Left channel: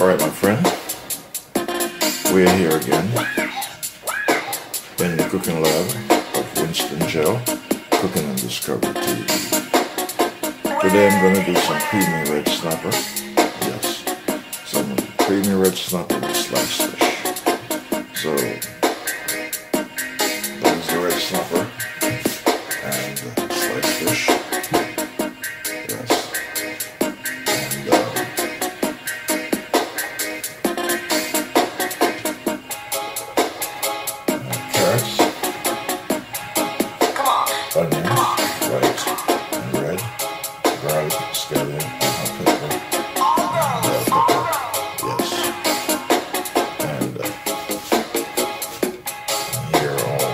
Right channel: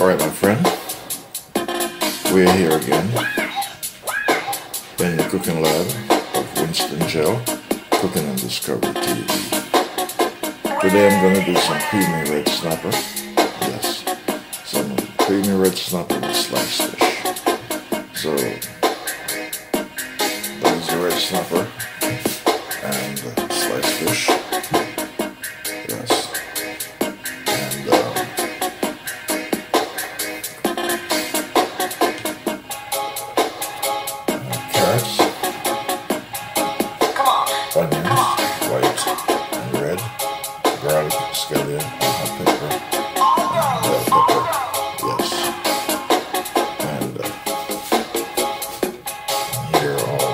Alright, my friend, we're here again in the cooking lab of Winston Gel Cooking and Discovery TV. Today I'm going to do some creamy red snapper. Yes, some creamy red snapper with sliced fish. So, that is the red snapper and sliced fish. Yes. Carrots, onions, white and red, garlic, scallion, hot pepper, and bell pepper, yes. And here are all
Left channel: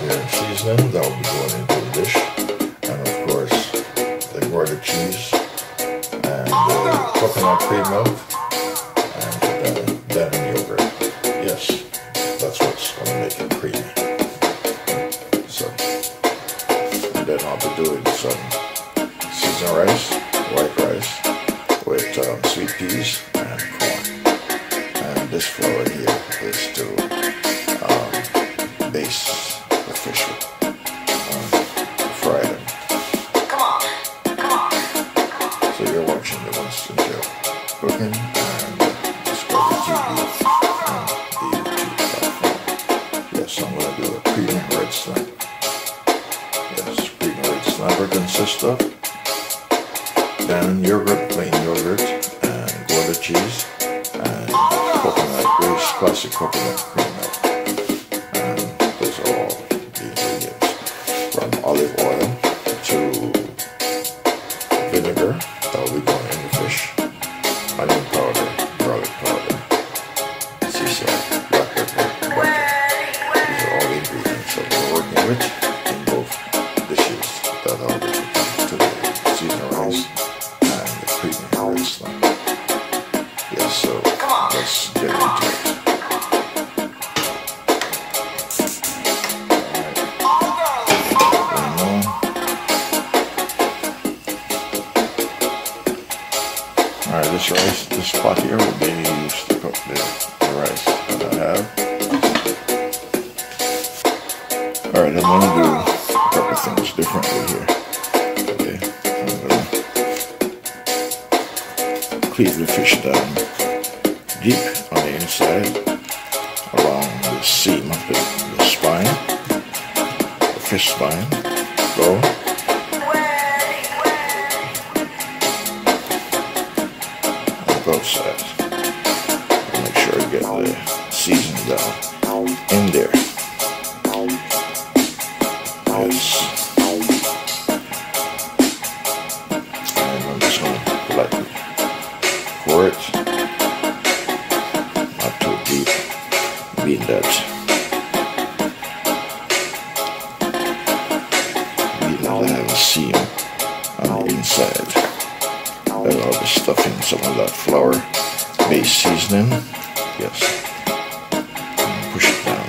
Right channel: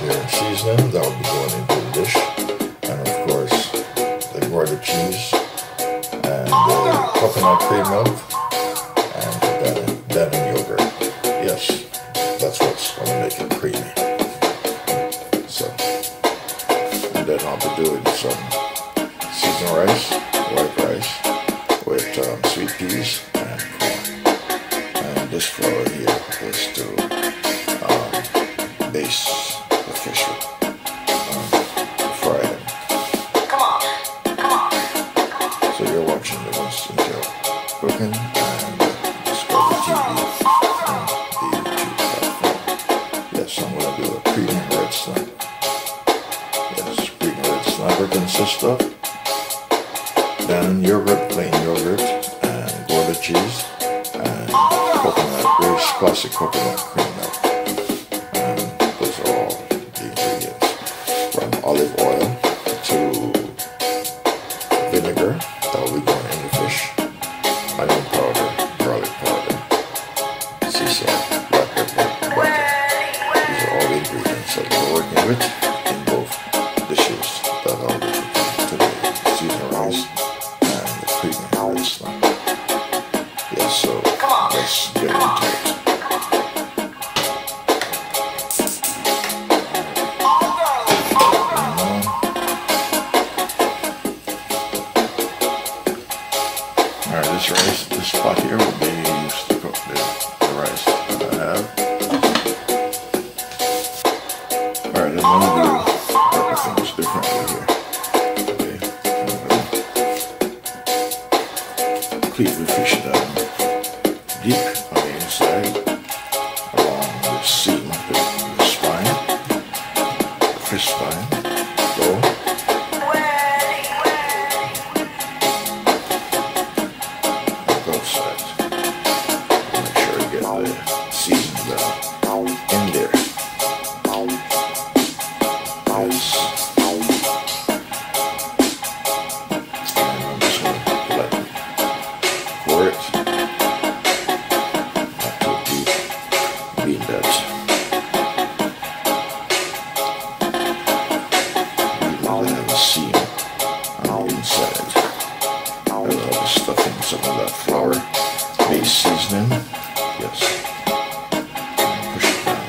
their seasoning that will be going into the dish. And of course, the Gouda cheese and the coconut cream milk and Dannon yogurt, yes. That's what's going to make it creamy. So, and then I'll be doing some seasoned rice, white rice, with sweet peas and corn. And this flour here is to base the fish with, fry them. So you're watching the Winston Gel Cooking and Discovery TV. Yes, I'm going to do a creamy red snapper. Yes, creamy red snapper consists of Dannon yogurt, plain yogurt, and Gouda cheese, and coconut, grace classic coconut cream milk. And those are all the ingredients. From olive oil to vinegar, that will be going in the fish, onion powder, garlic powder, sea salt, black pepper, butter. All the ingredients that we're working with in both dishes that I'll be cooking today: seasoned rice and the creamy red snapper. Yes, so let's get into it. Alright, this pot here will be used to cook the rice that I have. Alright, I'm going to do a couple things differently here. Okay, I'm going to cleave the fish down deep on the inside along the seam of the spine, the fish spine. Go. On both sides. Make sure you get the seasoning down in there. Yes. And I'm just going to lightly pour it, not too deep, being that we will have a seam on the inside. I'll be stuffing some of that flour base seasoning. Yes. Push it down.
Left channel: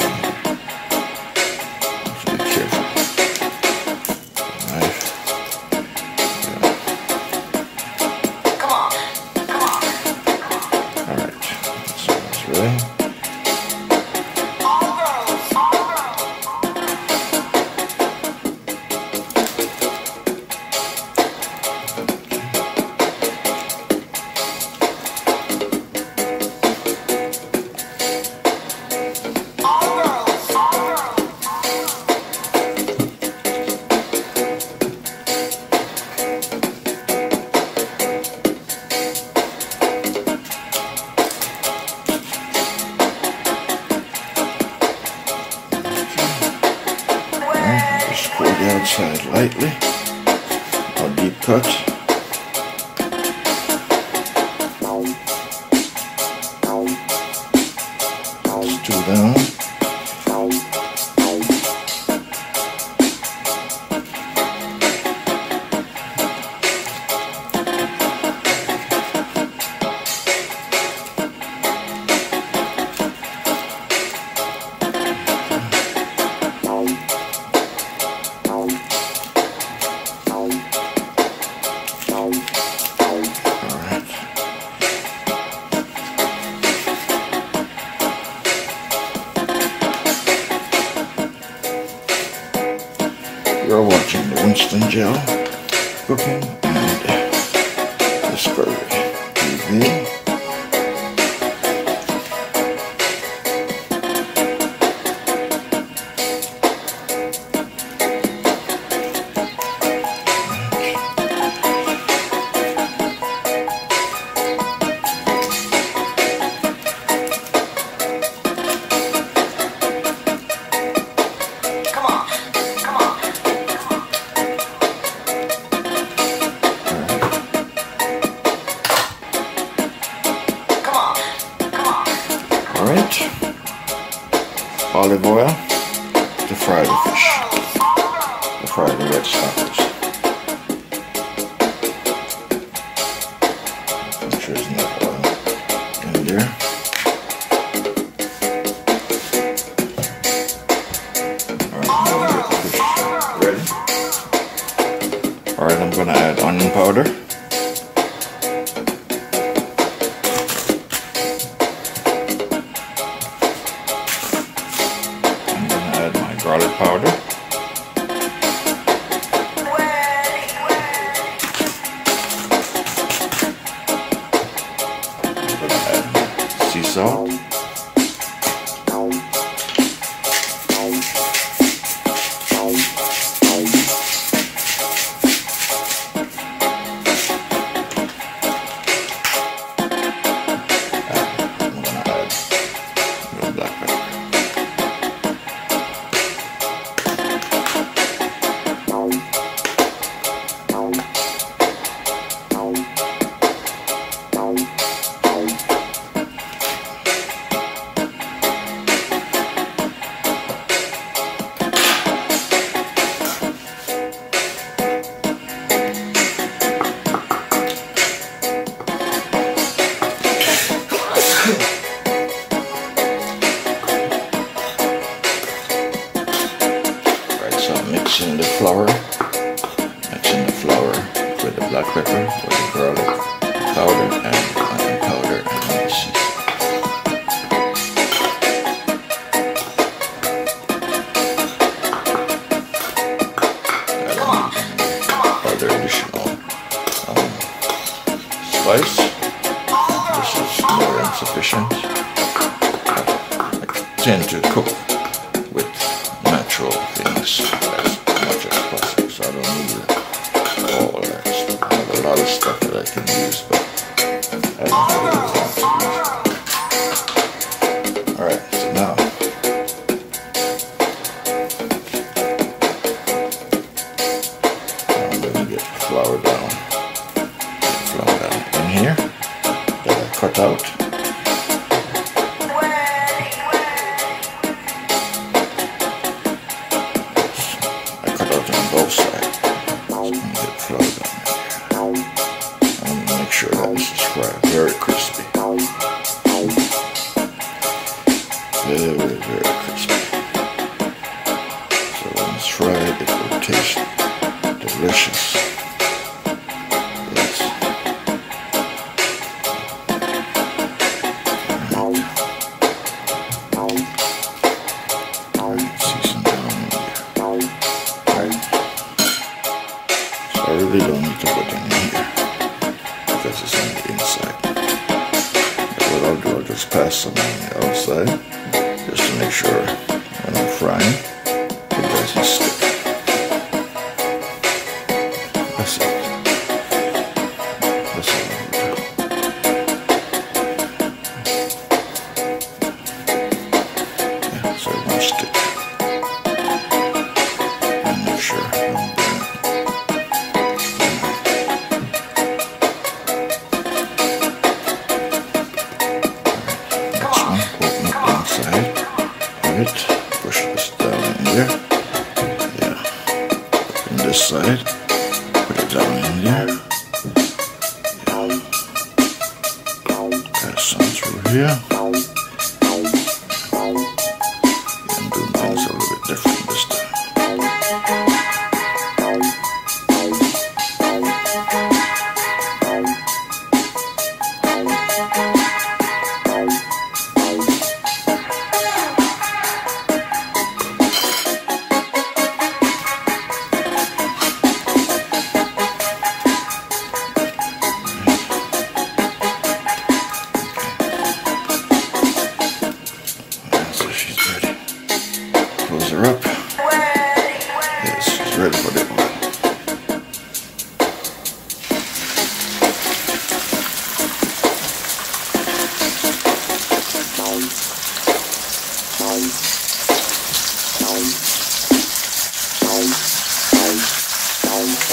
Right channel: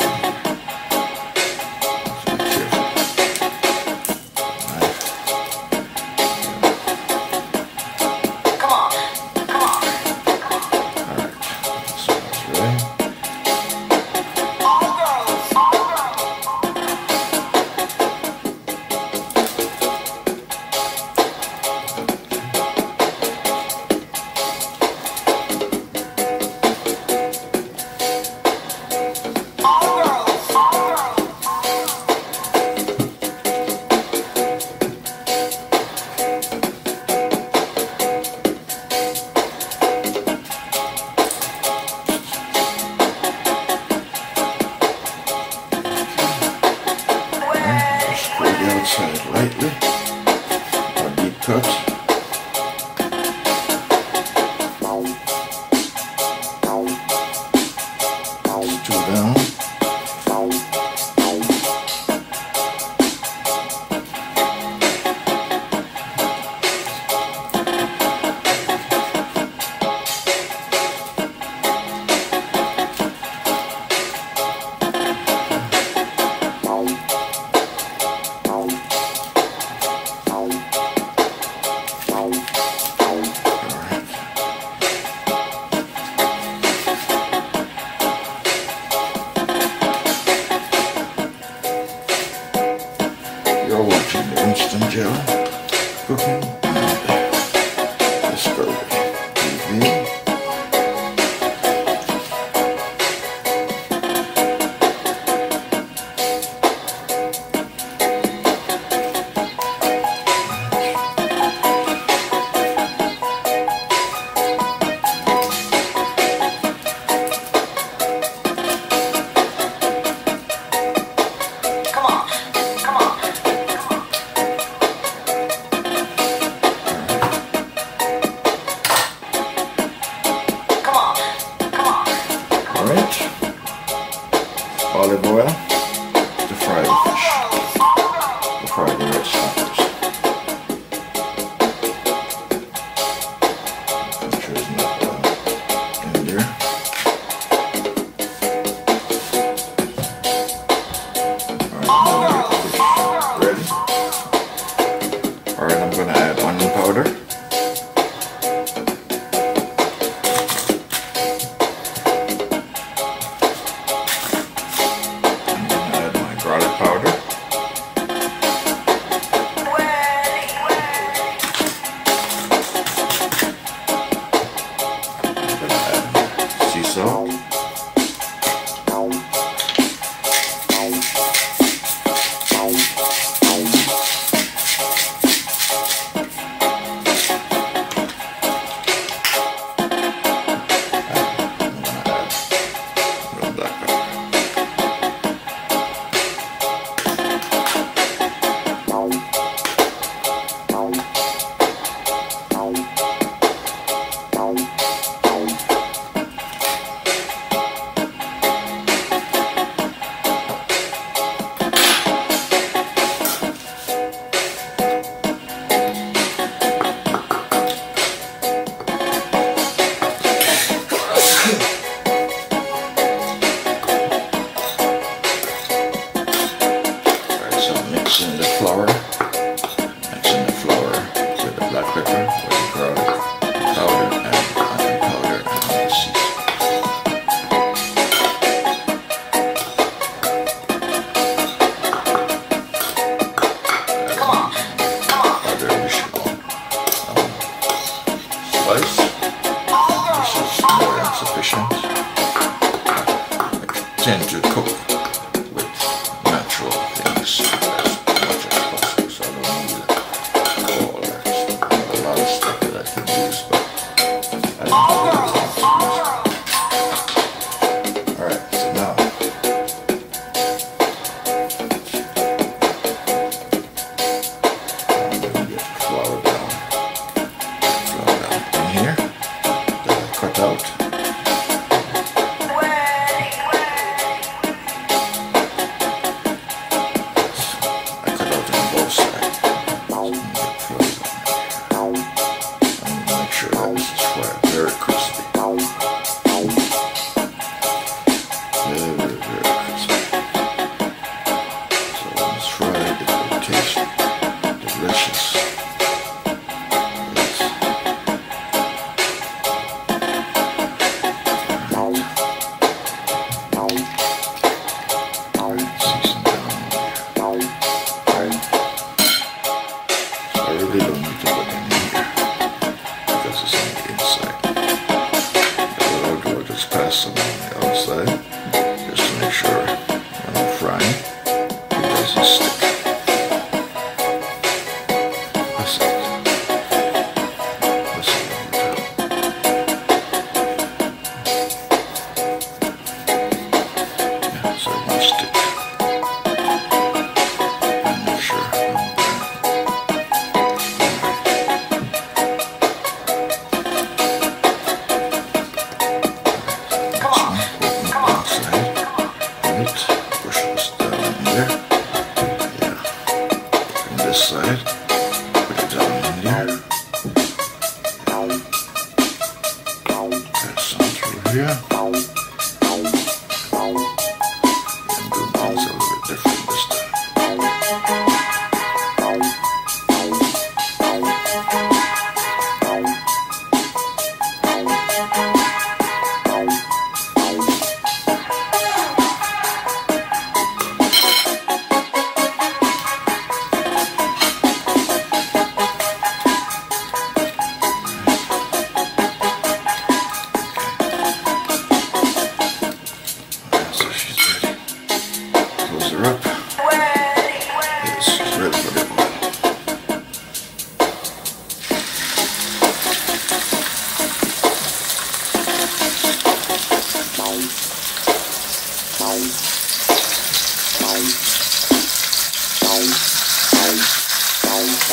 Pull the outside lightly, a deep cut. It's two down. for watching the Winston Gel Cooking and Discovery TV. Alright, olive oil to fry the fish, to fry the red snappers. Make sure there's no oil in there. Alright, now get the fish ready. Alright, I'm going to add onion powder. Garlic powder. I'm going to add sea salt. I'm going to add a little black pepper. Mixing the flour with the black pepper, with the garlic powder and onion powder and the sea salt. Other additional spice. This is more than sufficient. I tend to cook with natural things as much as possible, so I don't need all that stuff. I have a lot of stuff that I can use, but I don't really want to use it. Alright, so now I'm going to get the flour down. In here that I cut out. Both sides. I'm going to make sure that this is fried very crispy. Very, very crispy. So when it's fried, it will taste delicious. Yes. Alright, season down in there. I really don't need to put any here because it's on the inside. What I'll do, I'll just pass some on the outside just to make sure when I'm frying it doesn't stick. That's it. That's all I'm going to do. Yeah, so it won't stick. And make sure I'm doing it. Push this down in there. Yeah. From this side, put it down in there. Yeah. Pass some through here. I'm doing things a little bit different this time.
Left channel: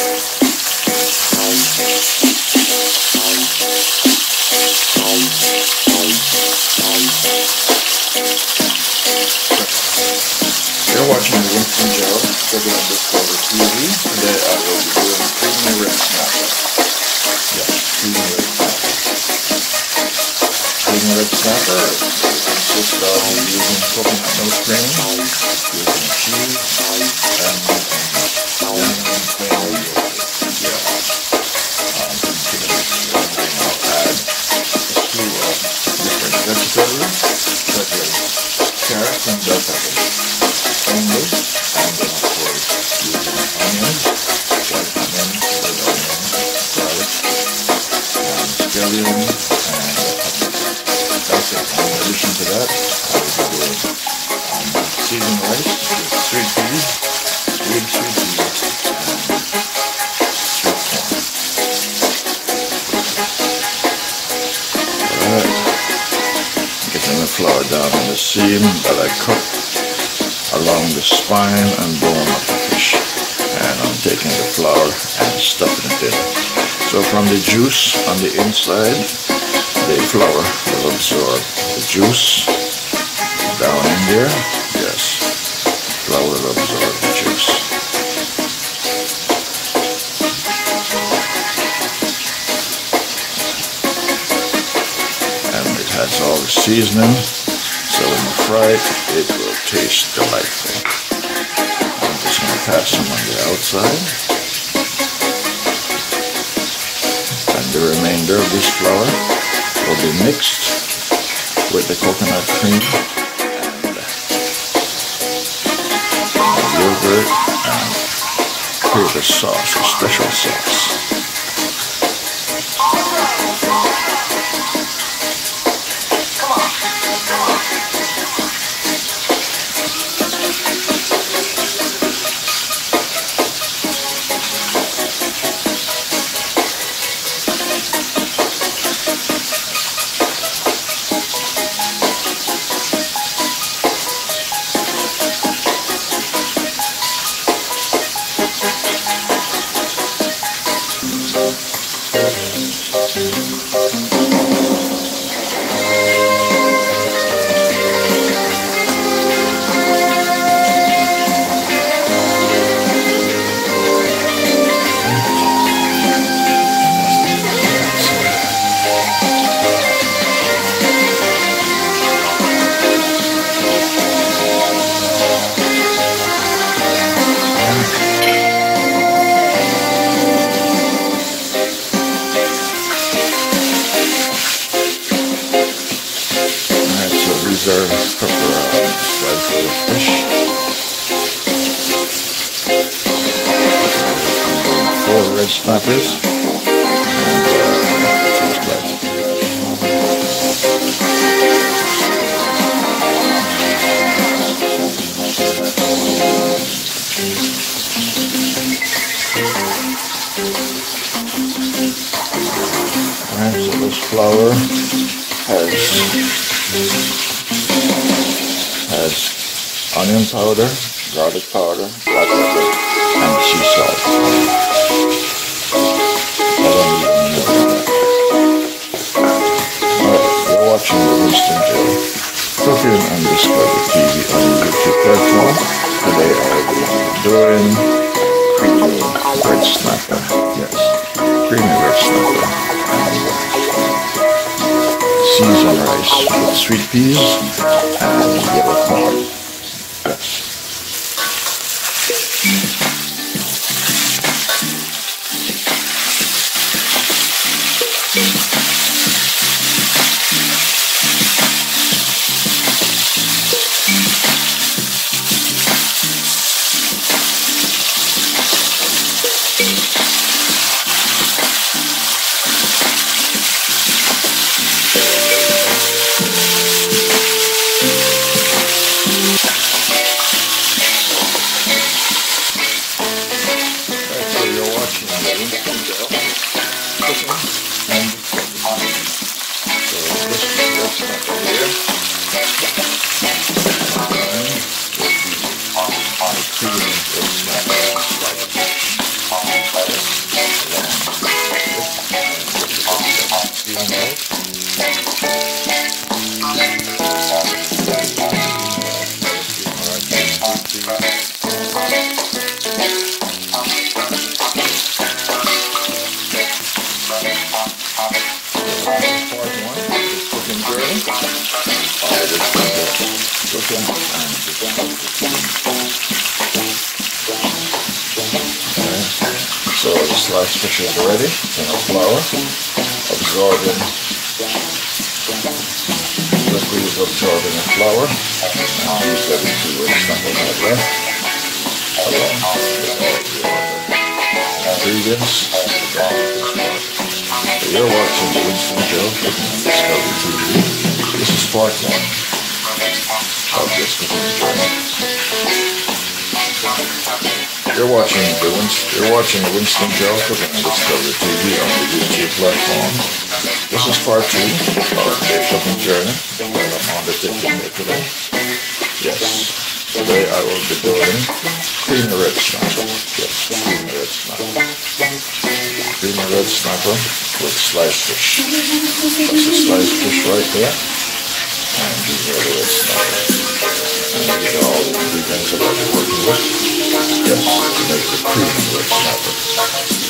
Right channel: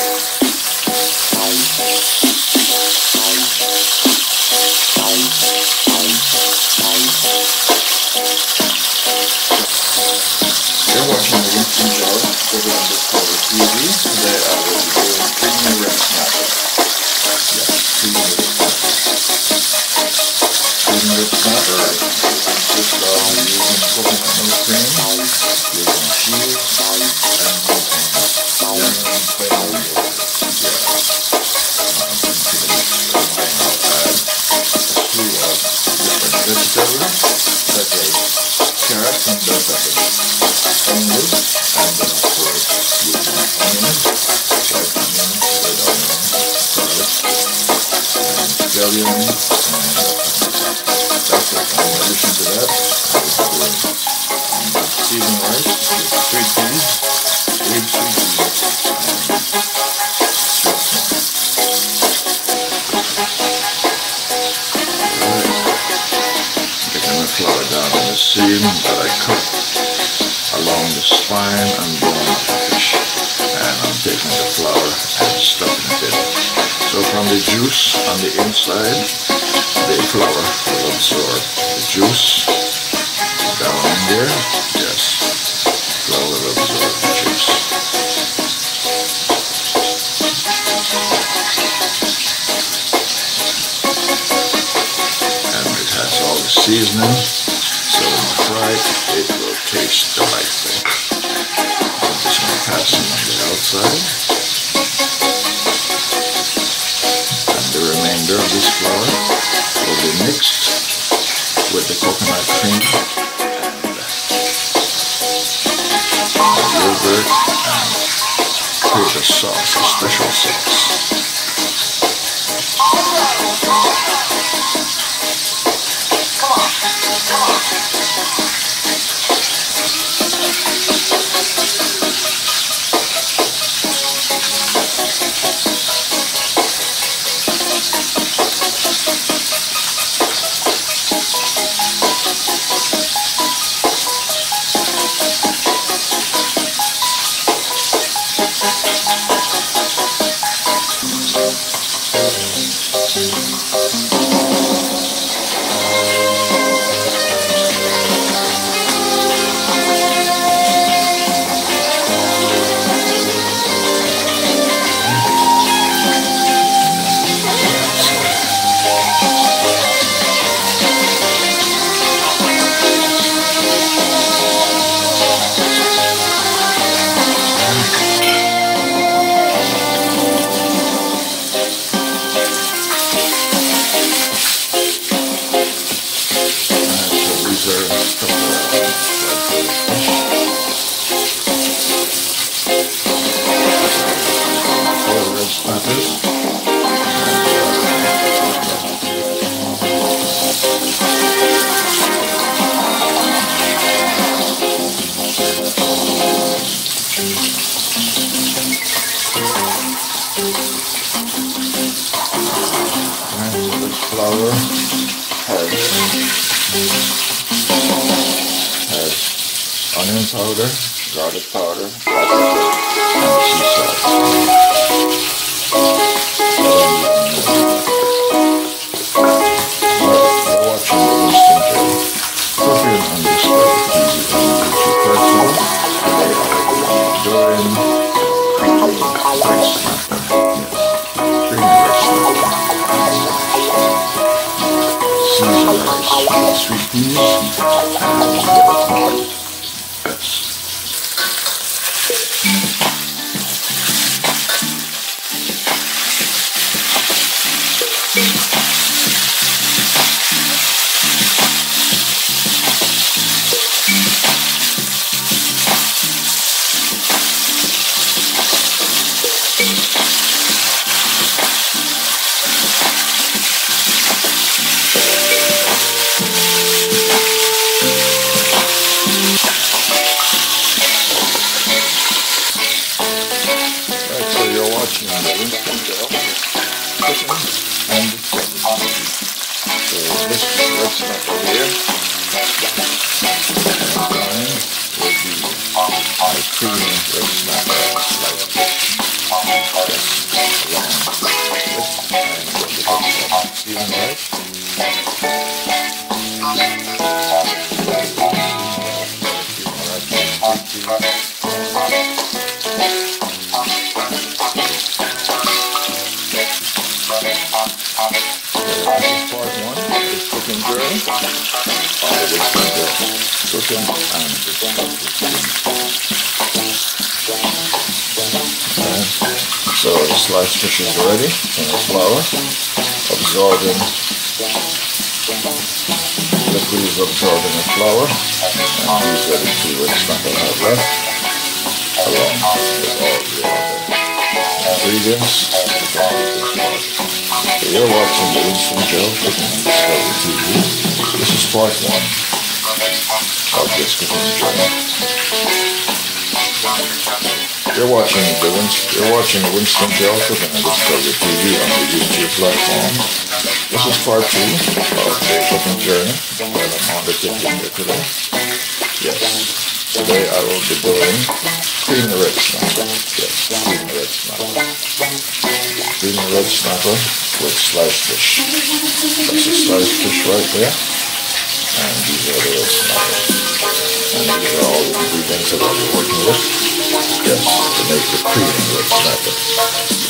You're watching the Winston GeLCooking&DiscoveryTV. Today I will be doing creamy red snapper. Yes, creamy red snapper. Creamy red snapper consists of using coconut milk cream, using cheese, and using plain yogurt. Yes. I'll add a slew of different vegetables, such as carrots and bell peppers. Only, and then of course using onions, white onion, red onion, garlic, and scallion, and that's it. In addition to that, I will be doing seasoned rice with sweet peas, green sweet peas, and sweet corn. Alright, getting the flour down on the seam that I cooked along the spine and bone of the fish, and I'm taking the flour and stuffing it in. So from the juice on the inside, the flour will absorb the juice down in there. Yes, flour will absorb the juice. And it has all the seasoning. So when you fry it, it will taste delightful. I'm just going to pass some on the outside. And the remainder of this flour will be mixed with the coconut cream, and yogurt, and create a sauce, a special sauce. Snappers. And so this flour has onion powder, garlic powder, paprika, and sea salt. Watching the Winston GeLCooking&DiscoveryTV on YouTube platform. Today I will be doing creamy red snapper. Yes, creamy red snapper. Seasoned rice with sweet peas and yellow corn. Yes. creamy red snapper slices. season right. Part one, this cooking journey. All of this cooking and discovery. Alright, so the sliced fish is ready in a flour, absorbing liquid is absorbing the flour, and these are the two rich knuckles I have left, along with all the other ingredients to go with this part. So you're watching the Winston Gel Cooking and Discovery TV. This is part one of this cooking journey. You're watching the Winston Gel Cooking and Discovery TV on the YouTube platform. This is part two of the cooking journey that I'm undertaking here today. Yes, today I will be doing creamy red snapper. Yes, creamy red snapper. Creamy red snapper with sliced fish. That's the sliced fish right there. And these are the red snappers. And these are all the ingredients that I'll be working with. Yes, to make the creamy red snapper.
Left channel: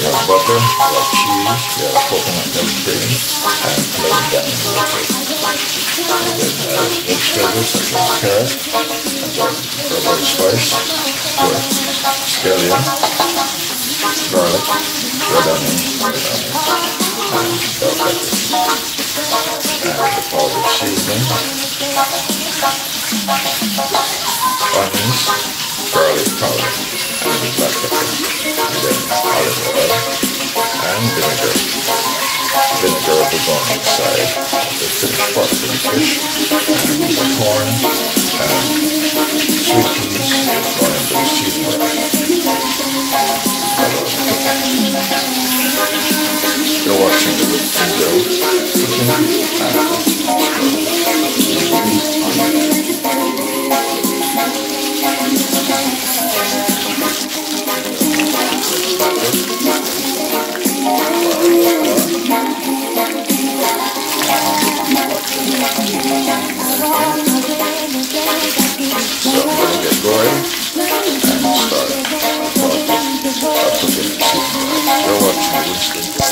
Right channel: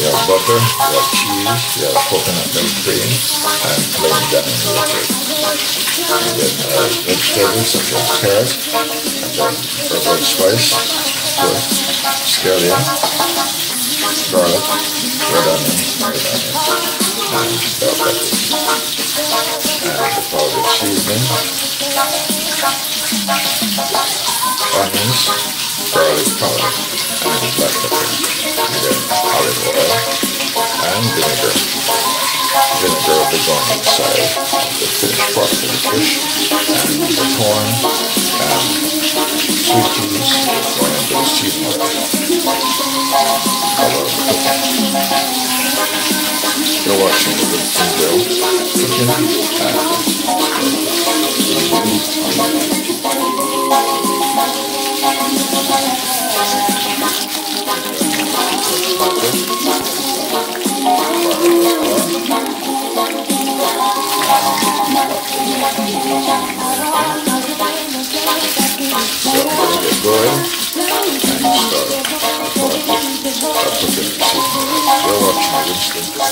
You have butter, you have cheese, you have coconut milk cream, and plain dining liquid. And then vegetables such as carrot, and then herbal spice, scallion, garlic, red onion, and bell peppers. And the powdered seasoning, onions, garlic powder, and black pepper, and then olive oil and vinegar. Vinegar will be going inside the finished part of the fish, and the corn and sweet peas going into the seasoning. You're watching the Winston Gel Cooking and Discovery TV on YouTube. So I'm going to get going and start the process of cooking the seasoning rice. You're watching the Winston Gel.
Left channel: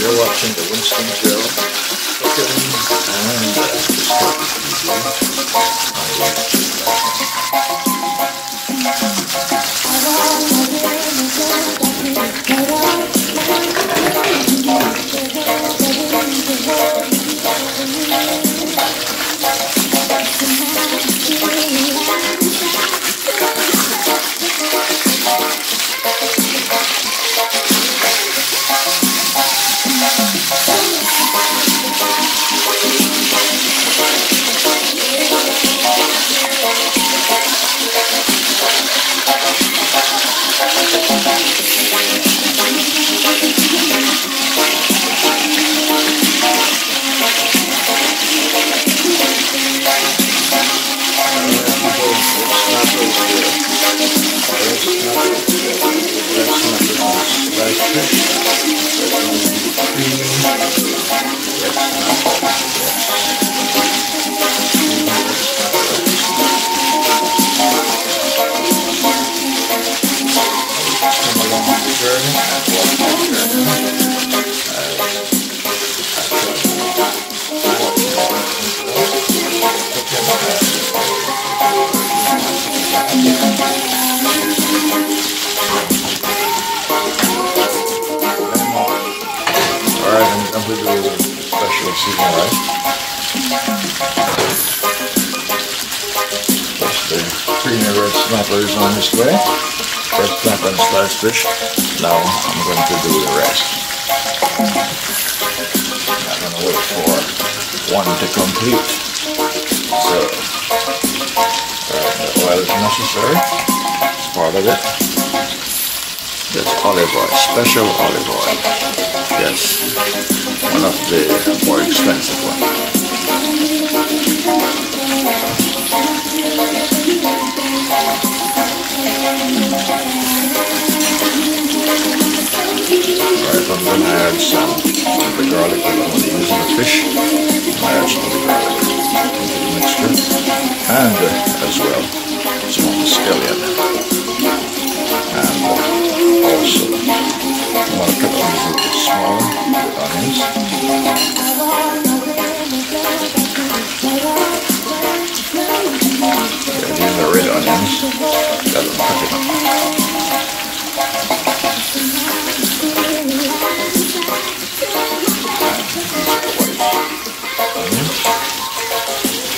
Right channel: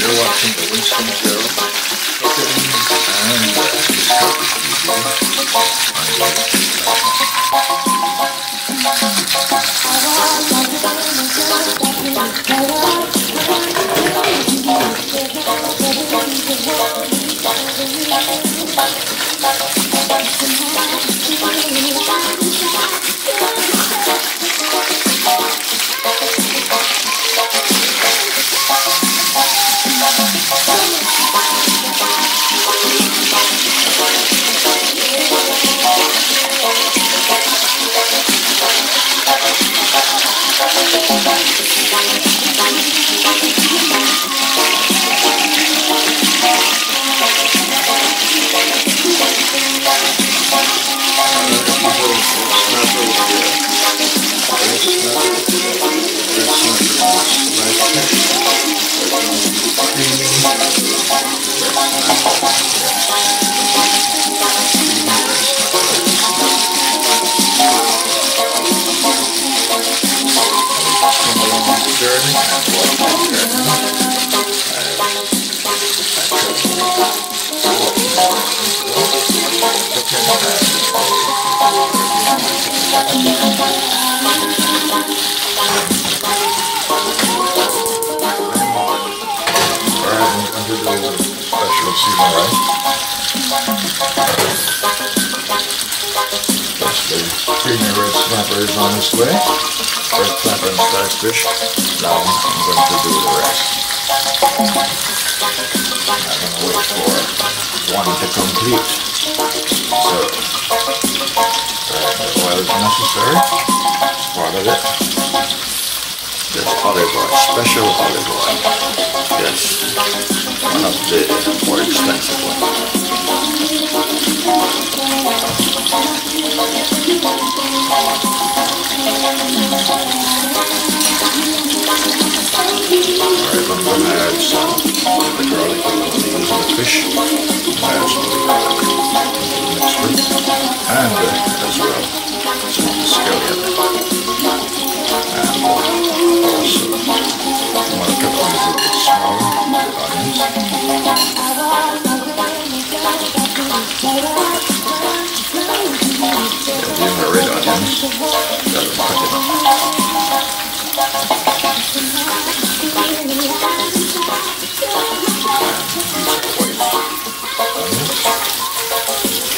You're watching the Winston Gel Cooking and turning and watch it turning. Special season rice. Just the creamy red snapper is on this way. Red snapper and sliced fish. Now I'm going to do the rest. I'm going to wait for one to complete. So, the oil is necessary. Part of it. This olive oil, special olive oil. Yes, one of the more expensive ones. Alright, I'm going to add some of the garlic that I'm going to use in the fish. I add some mixture. And as well, some of the scallion. And also, I want to cut these a little smaller, the onions. Yeah, these are red onions. Got them cut it.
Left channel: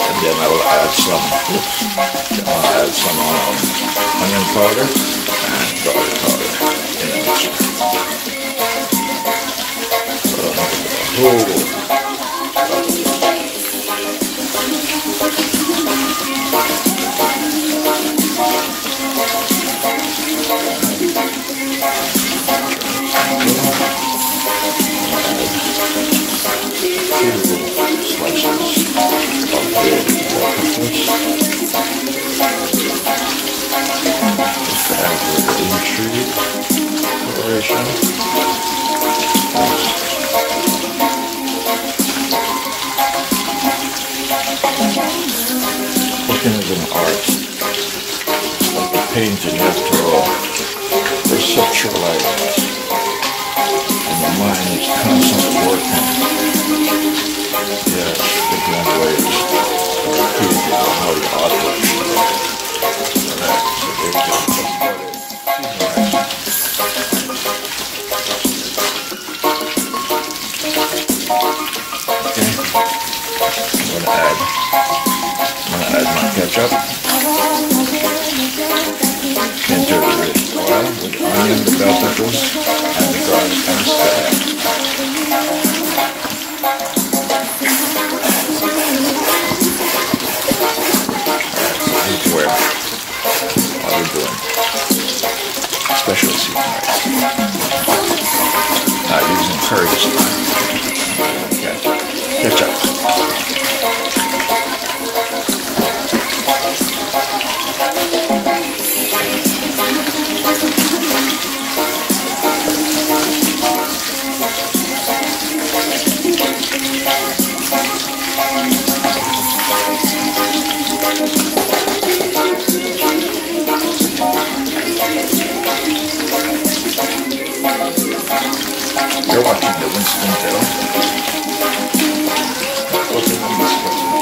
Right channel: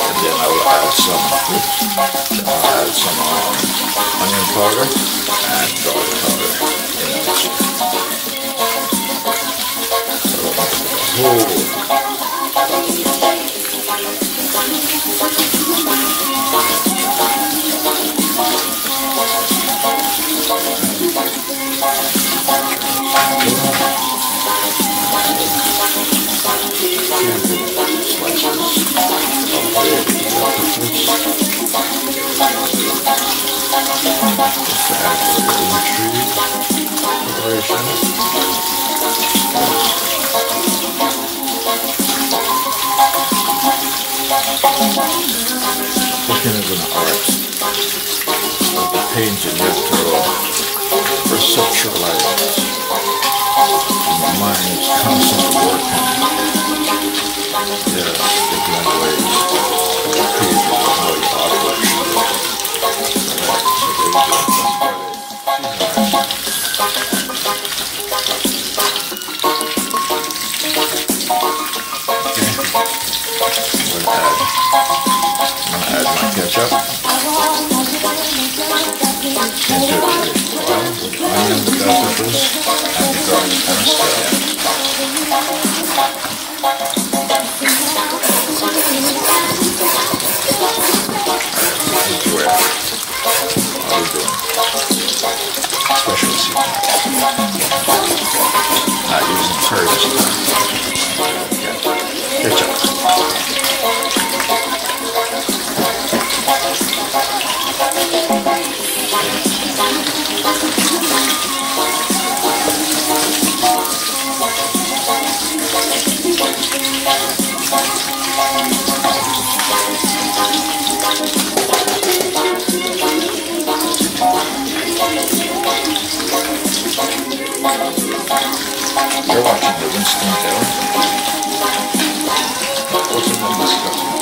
And then I will add some onion powder and garlic powder in the mixture. Cooking is an art, like the painting. You have to perceptualize, and the mind is constantly working. Yes, different ways of creating how the artwork should look. Alright, so there you go. Add my ketchup into the oil with onion, the bell peppers, and the garlic and scallion. That's where I'll be doing special seasoning. Not using curries. Ketchup. You're watching the Winston channel. Cooking and discussing.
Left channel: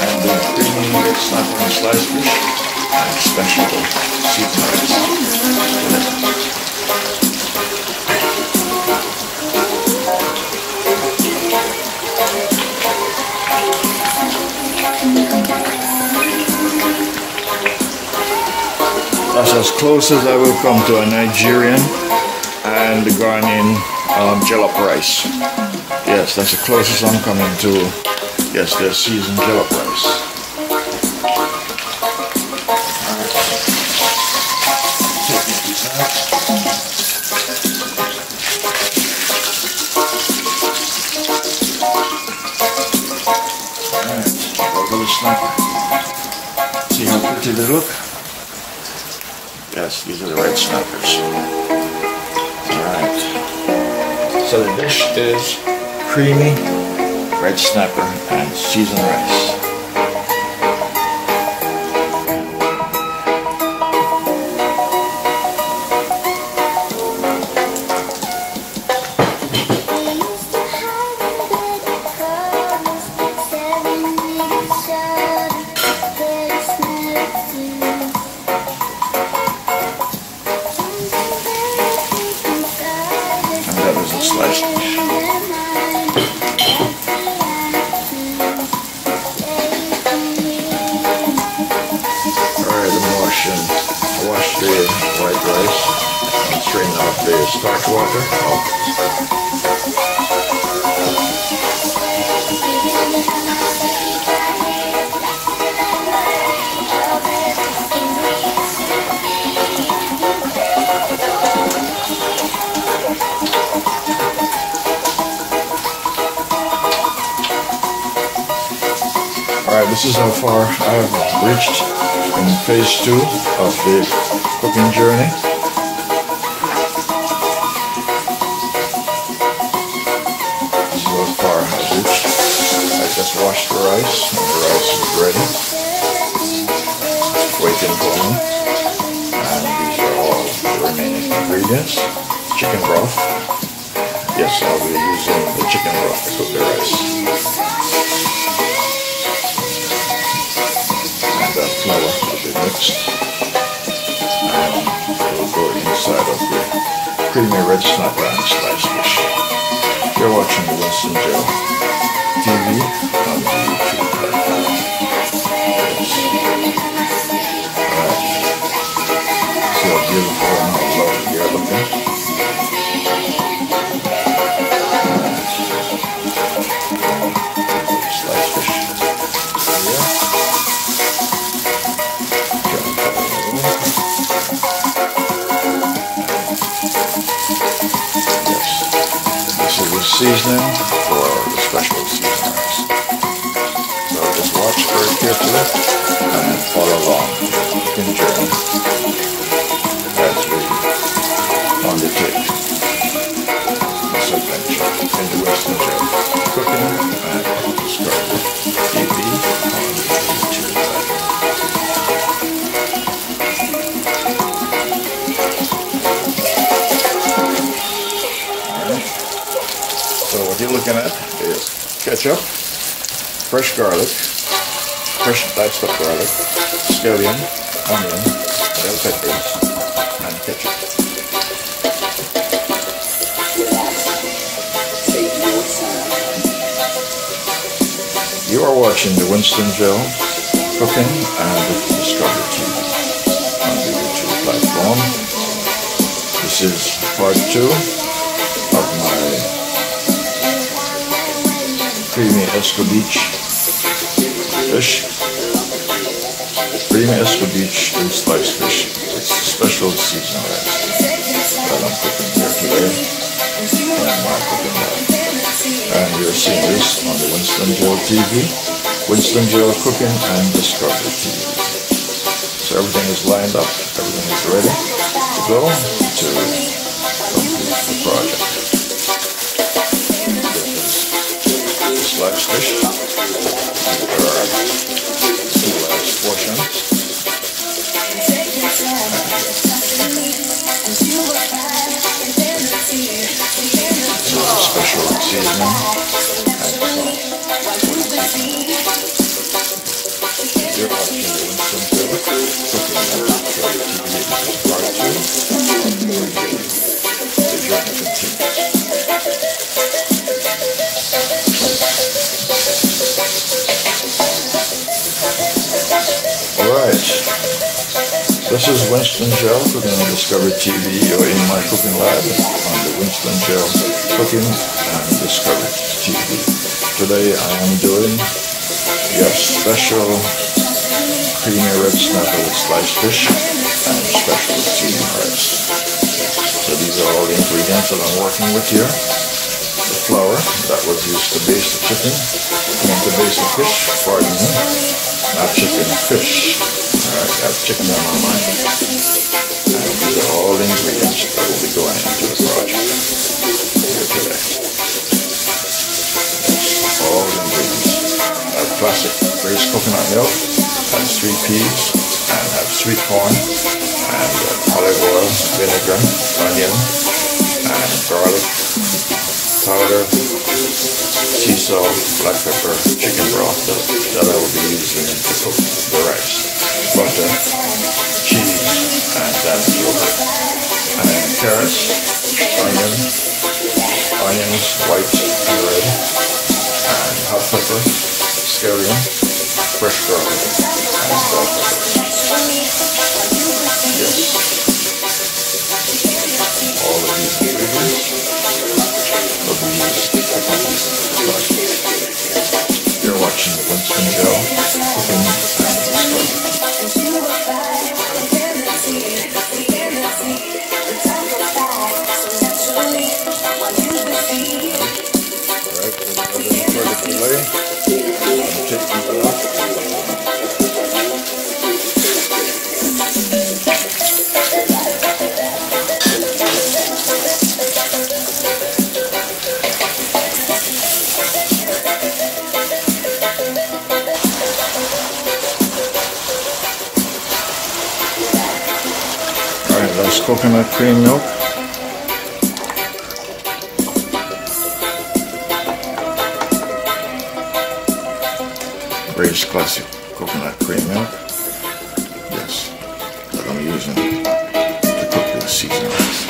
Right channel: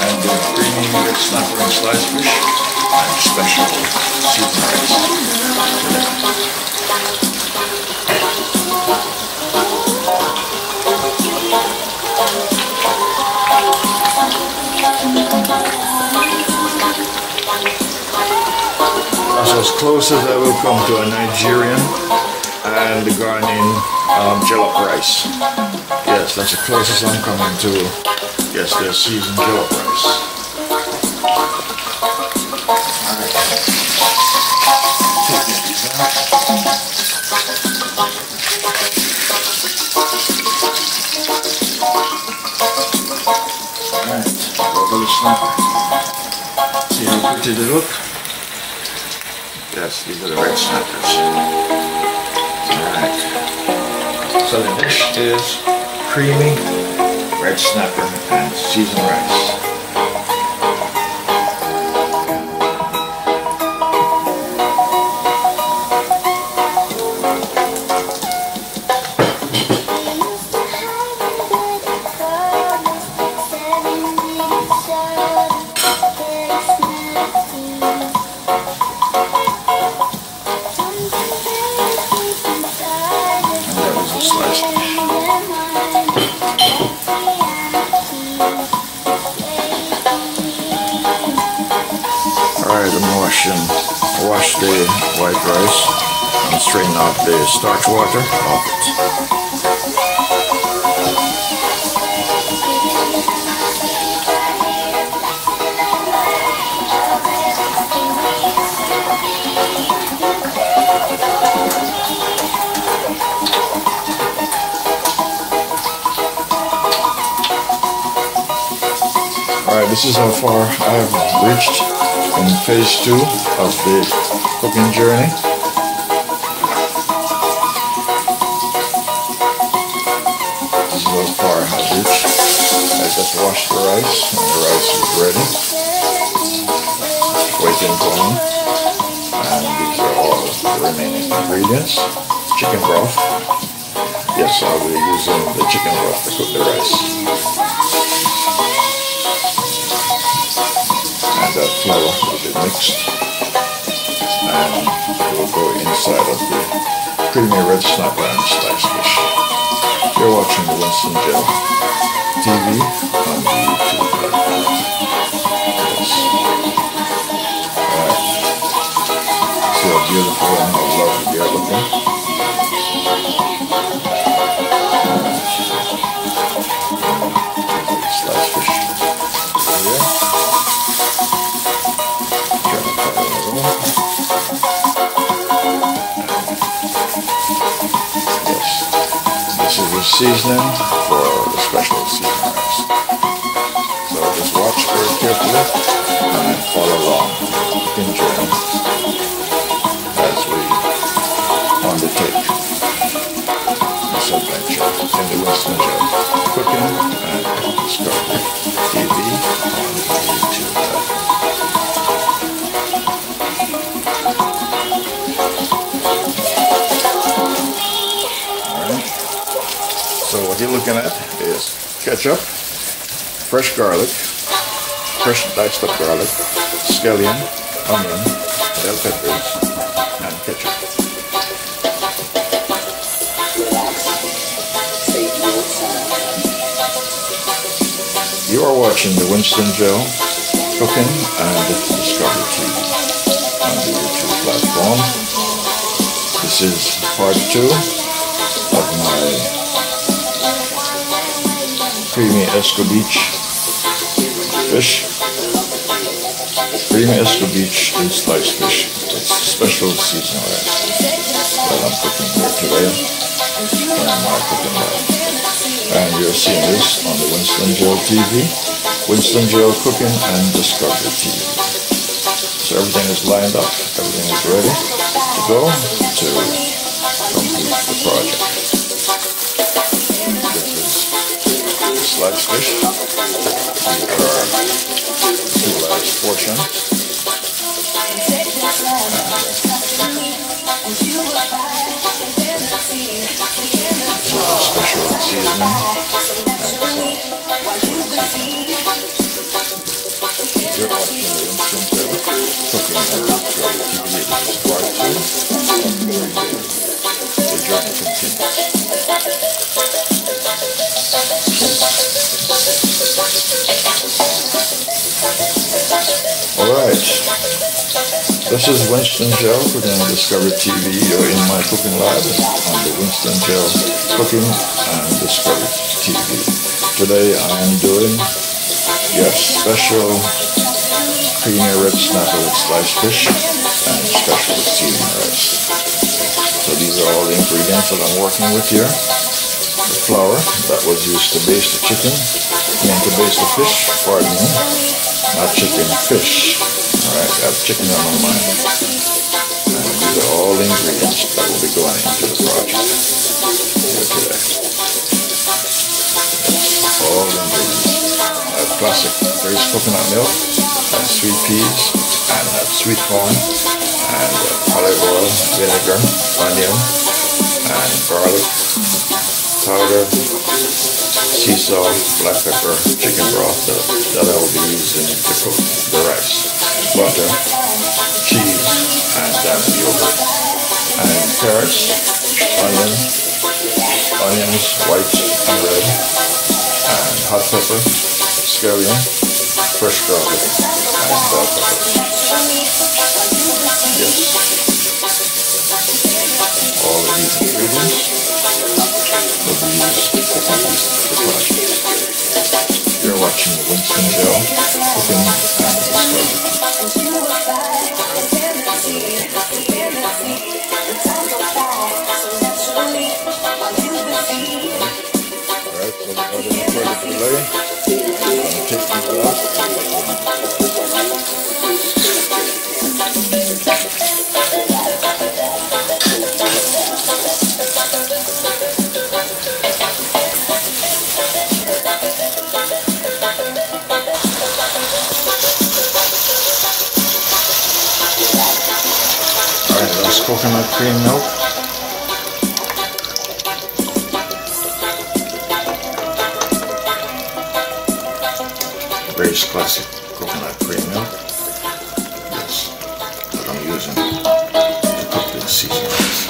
I'm doing creamy red snapper and sliced fish and special season rice. That's as close as I will come to a Nigerian and the Ghanaian jollof rice. Yes, that's the closest I'm coming to. Yes, their seasoned jollof rice. Alright. Take these out. Alright, rubber snapper. See how pretty they look? Yes, these are the red snappers. Alright. So the dish is creamy red snapper and seasoned rice. sliced fish. Alright, I'm wash the white rice and strain off the starch water off it. Alright, this is how far I've reached in phase 2 of the cooking journey. This is how far I've reached. I just washed the rice and the rice is ready. Waiting for me. And these are all the remaining ingredients. Chicken broth. Yes, I'll be using the chicken broth to cook the rice. That flour will be mixed and it will go inside of the creamy red snapper and sliced fish. You're watching the WinstonGeLCooking&DiscoveryTV on the YouTube platform. Yes. Alright. See how beautiful and how lovely they're looking. Alright. Sliced fish here. This is the seasoning for the special season rice. So just watch very carefully and then follow along the cooking journey as we undertake this adventure in the WinstonGeLCooking&DiscoveryTV on YouTube. So what you're looking at is ketchup, fresh garlic, fresh diced up garlic, scallion, onion, bell peppers, and ketchup. You are watching the WinstonGeLCooking&DiscoveryTV on the YouTube platform. This is part 2 of my creamy escovitch fish. Creamy escovitch and sliced fish with special season rice that I'm cooking here today in my cooking lab. And you're seeing this on the WinstonGeLTV, WinstonGeLCooking&DiscoveryTV. So everything is lined up, everything is ready to go to complete the project. Sliced fish. These are the 2 last portions. Special seasoning and salt. You're watching the WinstonGeLCooking&DiscoveryTV. This is part 2 of the journey continues. Alright, this is WinstonGeLCooking&DiscoveryTV. You're in my cooking lab on the WinstonGeLCooking&DiscoveryTV. Today I am doing your special creamy red snapper with sliced fish and special season rice. So these are all the ingredients that I'm working with here. The flour that was used to baste the chicken, to baste the fish, pardon me. Not chicken, fish. Alright, I have chicken on my mind. And these are all the ingredients that will be going into the project here today. Yes, all the ingredients. I have classic braised coconut milk, and sweet peas, and have sweet corn, and olive oil, vinegar, onion, and garlic powder, sea salt, black pepper, chicken broth that I will be using to cook the rice, butter, cheese, and yogurt, and carrots, onion, onions, white and red, and hot pepper, scallion, fresh garlic, and bell peppers. Yes. All of these ingredients will be used to complete the project. You're watching the Winston Gel Cooking and Discovery. Alright, so without any further delay, I'm going to take these off. Alright, that's coconut cream milk. Grace Classic coconut cream milk. Yes, that I'm using to cook the seasonings.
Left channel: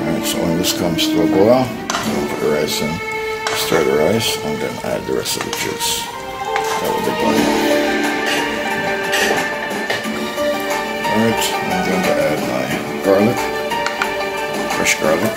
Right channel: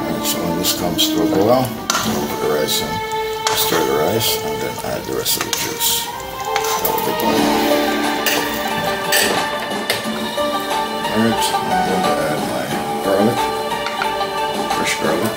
Alright, so when this comes to a boil, put the rice in, stir the rice, and then add the rest of the juice. That will be done. Alright, I'm going to add my garlic, fresh garlic.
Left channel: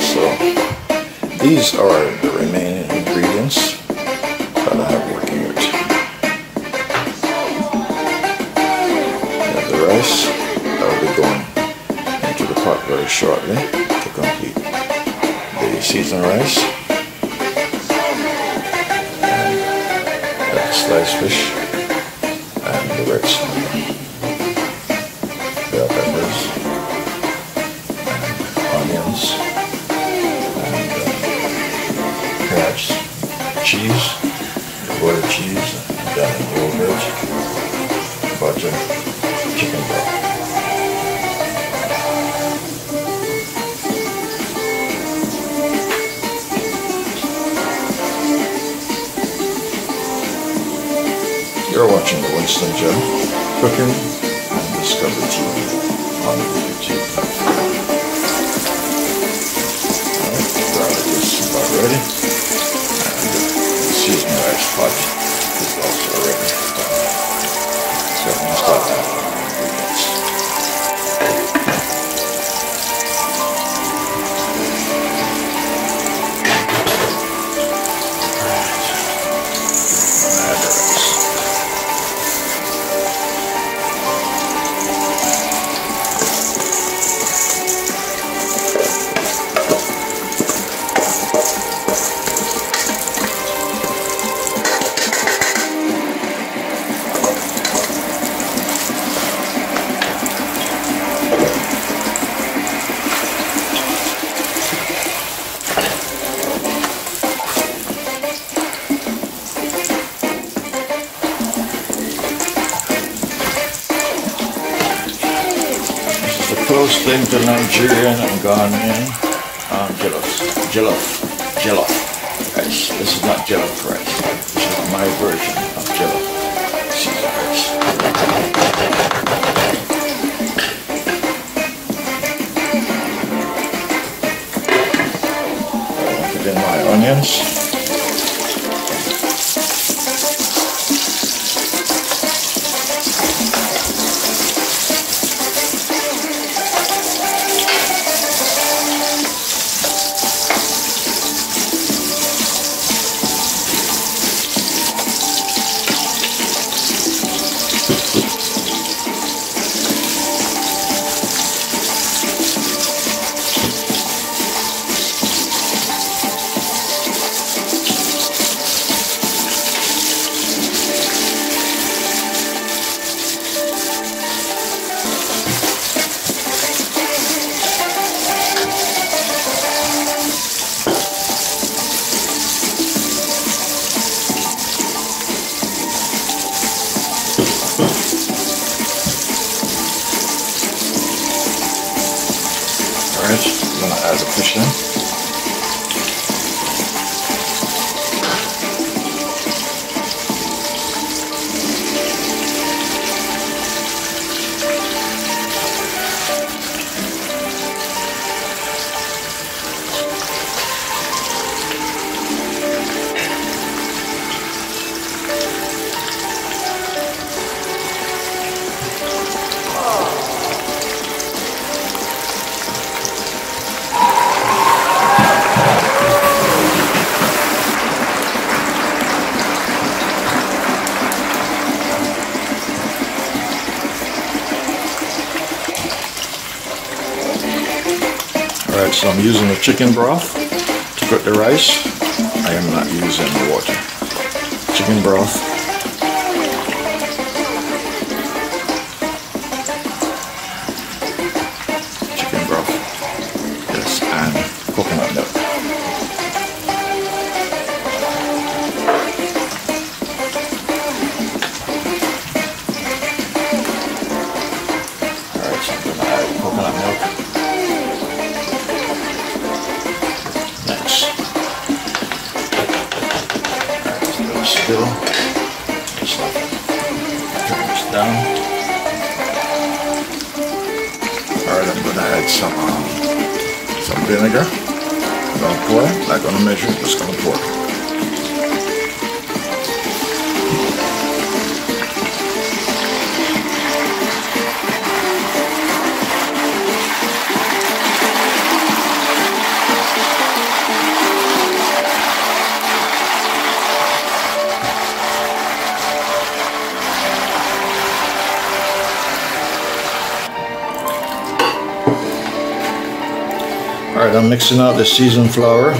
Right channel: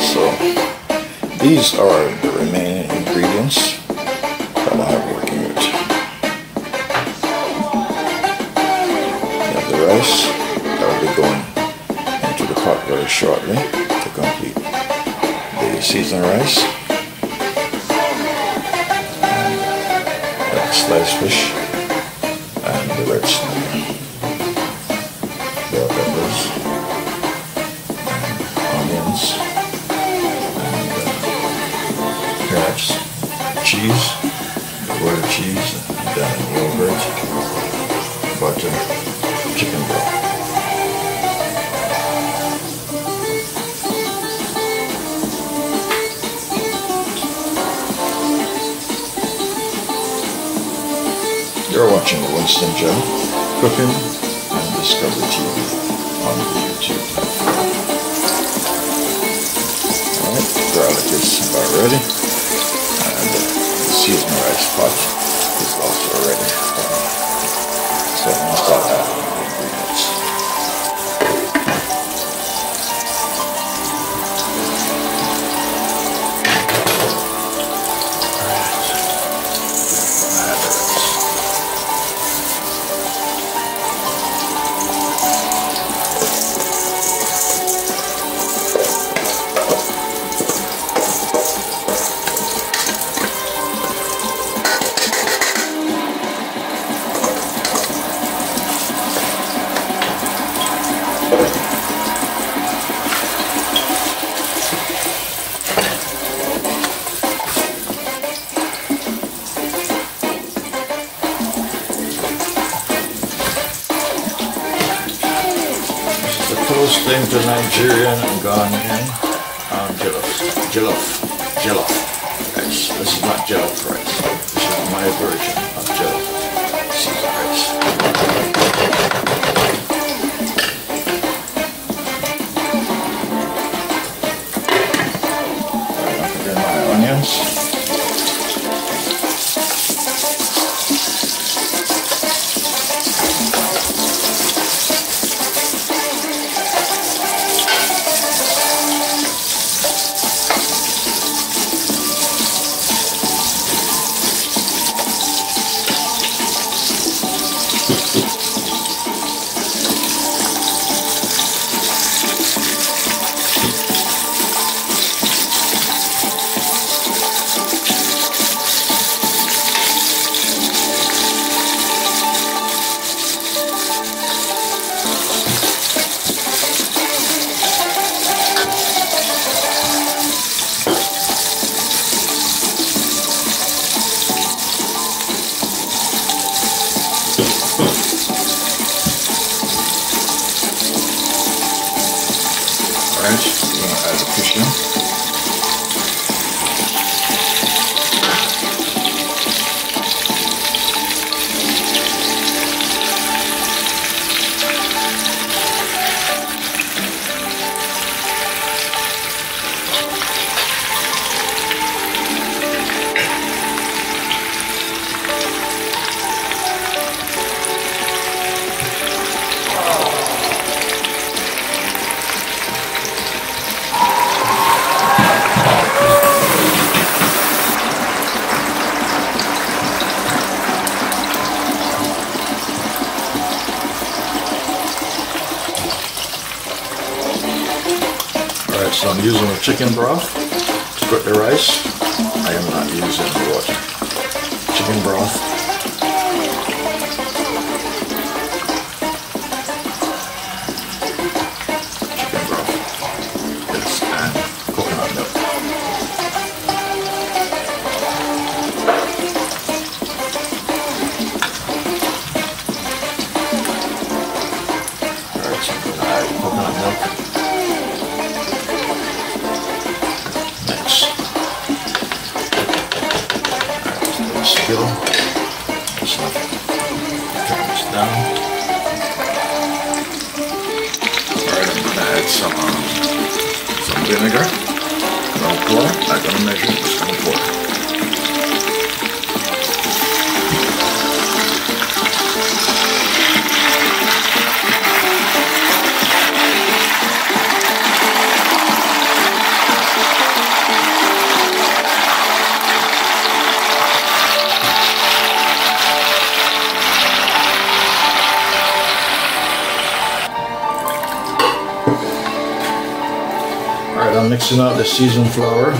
So these are the remaining ingredients that I have working with. You have the rice that will be going into the pot very shortly to complete the seasoned rice, and the sliced fish and the red snapper, bell peppers and onions, perhaps cheese, avoided cheese, and then yogurt, butter, chicken broth. You're watching the Winston Gel Cooking and Discovery TV on the YouTube platform. Alright, the garlic is about ready. And the seasoned rice pot is also ready done. So I'm going to start adding the ingredients. Close thing to Nigerian and Ghanaian jollof rice. This is not jollof rice. This is my version of jollof seasoned rice. And then my onions. Alright, I'm going to add the fish in. Alright, so I'm using the chicken broth to cook the rice. I am not using the water. Chicken broth. Chicken broth. Yes, and coconut milk. Alright, so I'm going to add coconut milk. Spill. So turn this down. Alright, I'm going to add some vinegar. I'll pour. Not going to measure, just going to pour. Alright, I'm mixing out the seasoned flour.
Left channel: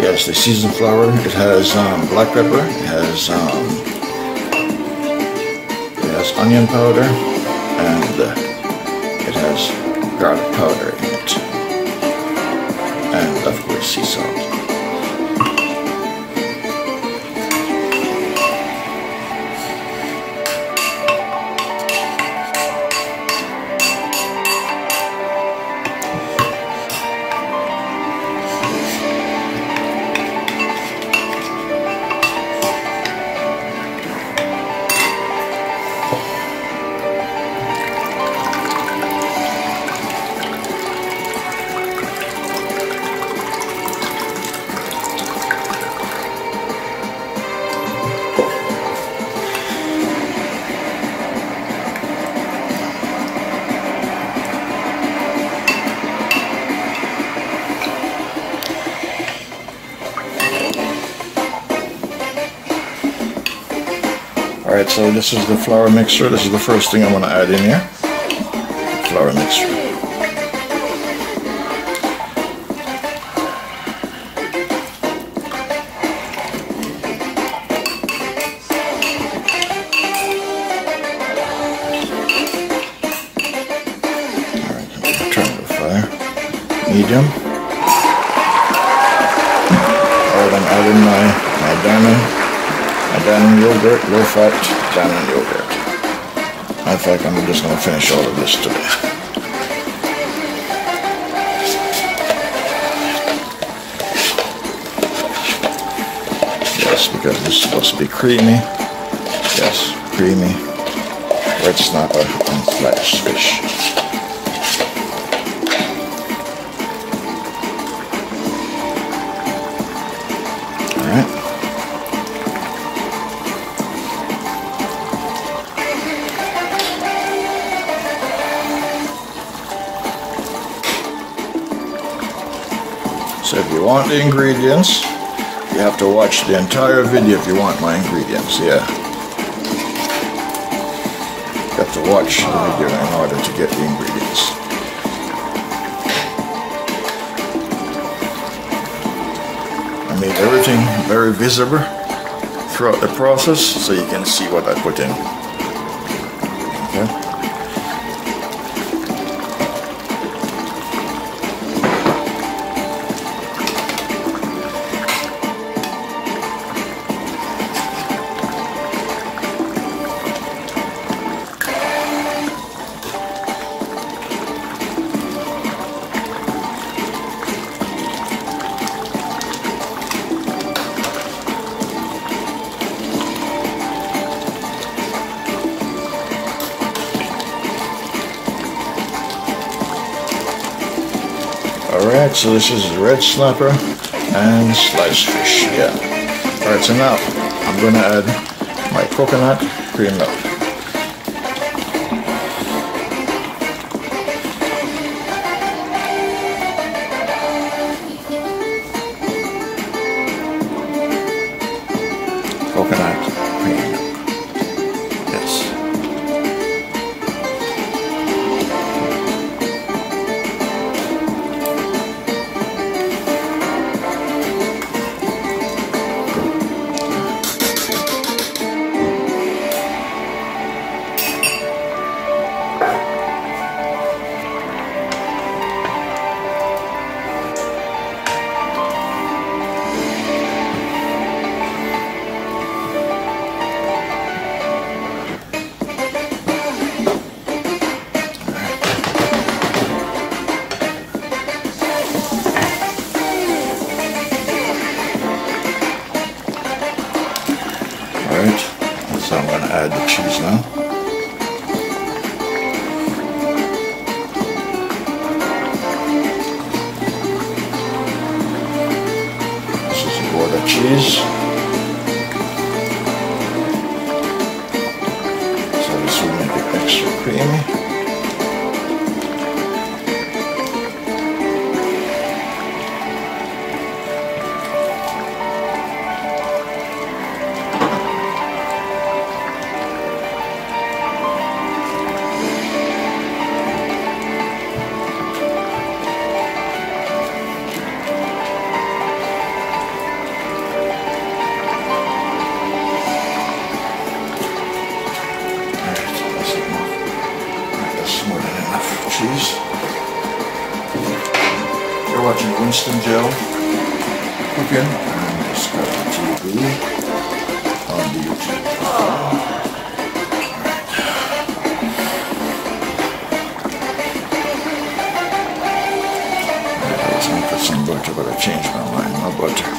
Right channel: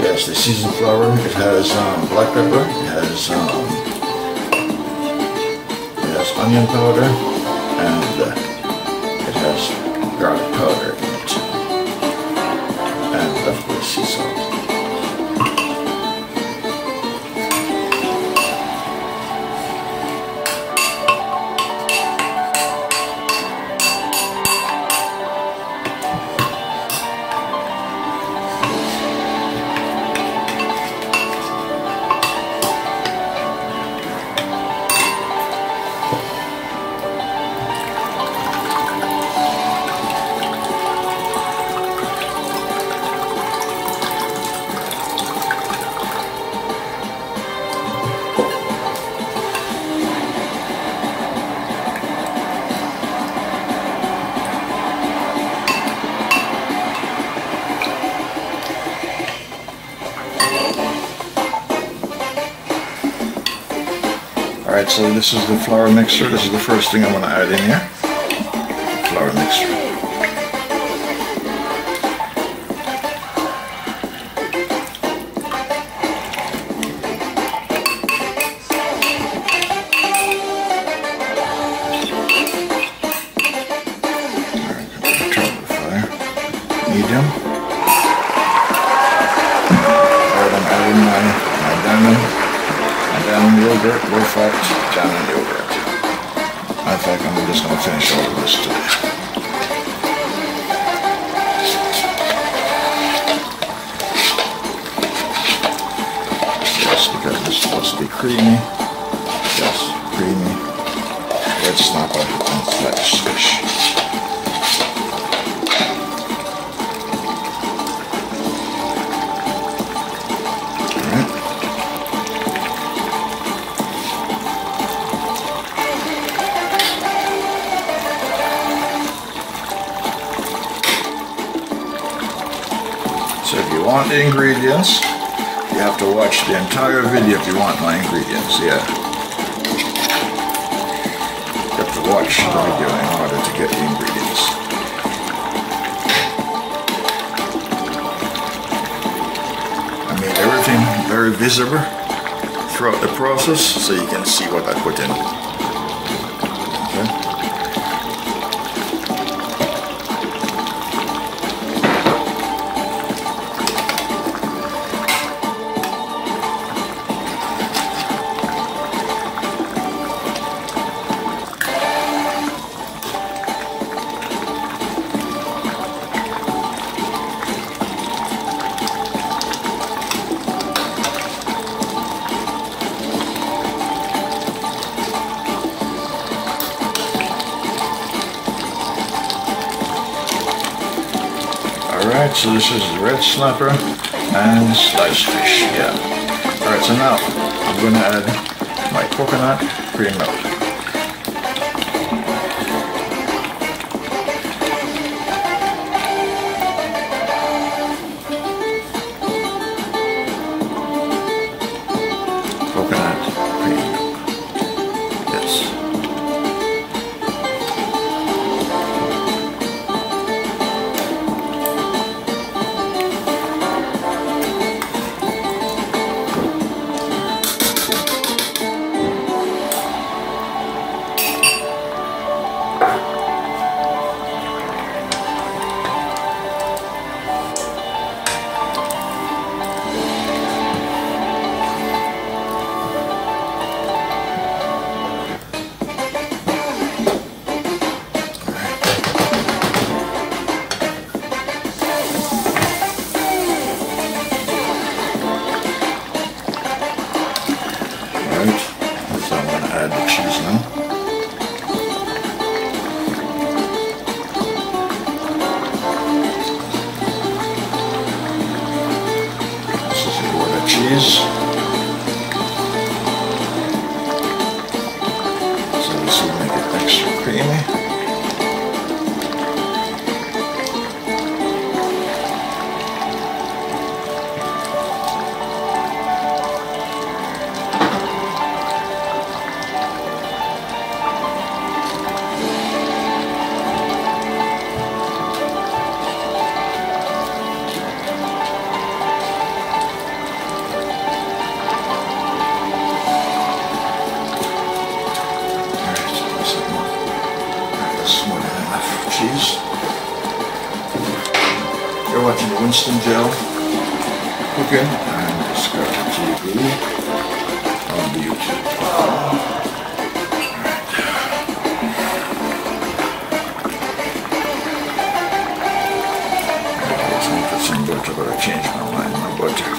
Yes, the seasoned flour. It has black pepper, it has onion powder, and it has garlic powder in it. And of course sea salt. Alright, so this is the flour mixture. This is the first thing I'm going to add in here. Flour mixture. Alright, turn the fire. Medium. Alright, I'm adding my diamond yogurt, low fat diamond yogurt. I think I'm just going to finish all of this today. Yes, because this is supposed to be creamy. Yes, creamy. Or it's not a unfledged fish. So if you want the ingredients, you have to watch the entire video if you want my ingredients, yeah. You have to watch the video in order to get the ingredients. I made everything very visible throughout the process so you can see what I put in. Okay. so this is red snapper and sliced fish, yeah. Alright, so now I'm going to add my coconut cream milk. Coconut cream, yes. Alright, so I'm going to add the cheese now. This is a Gouda cheese. So this will make it extra creamy. More than enough cheese. You're watching Winston Gel Cooking and DiscoveryTV on the YouTube. Let's make it some butter, but I changed my mind. No butter.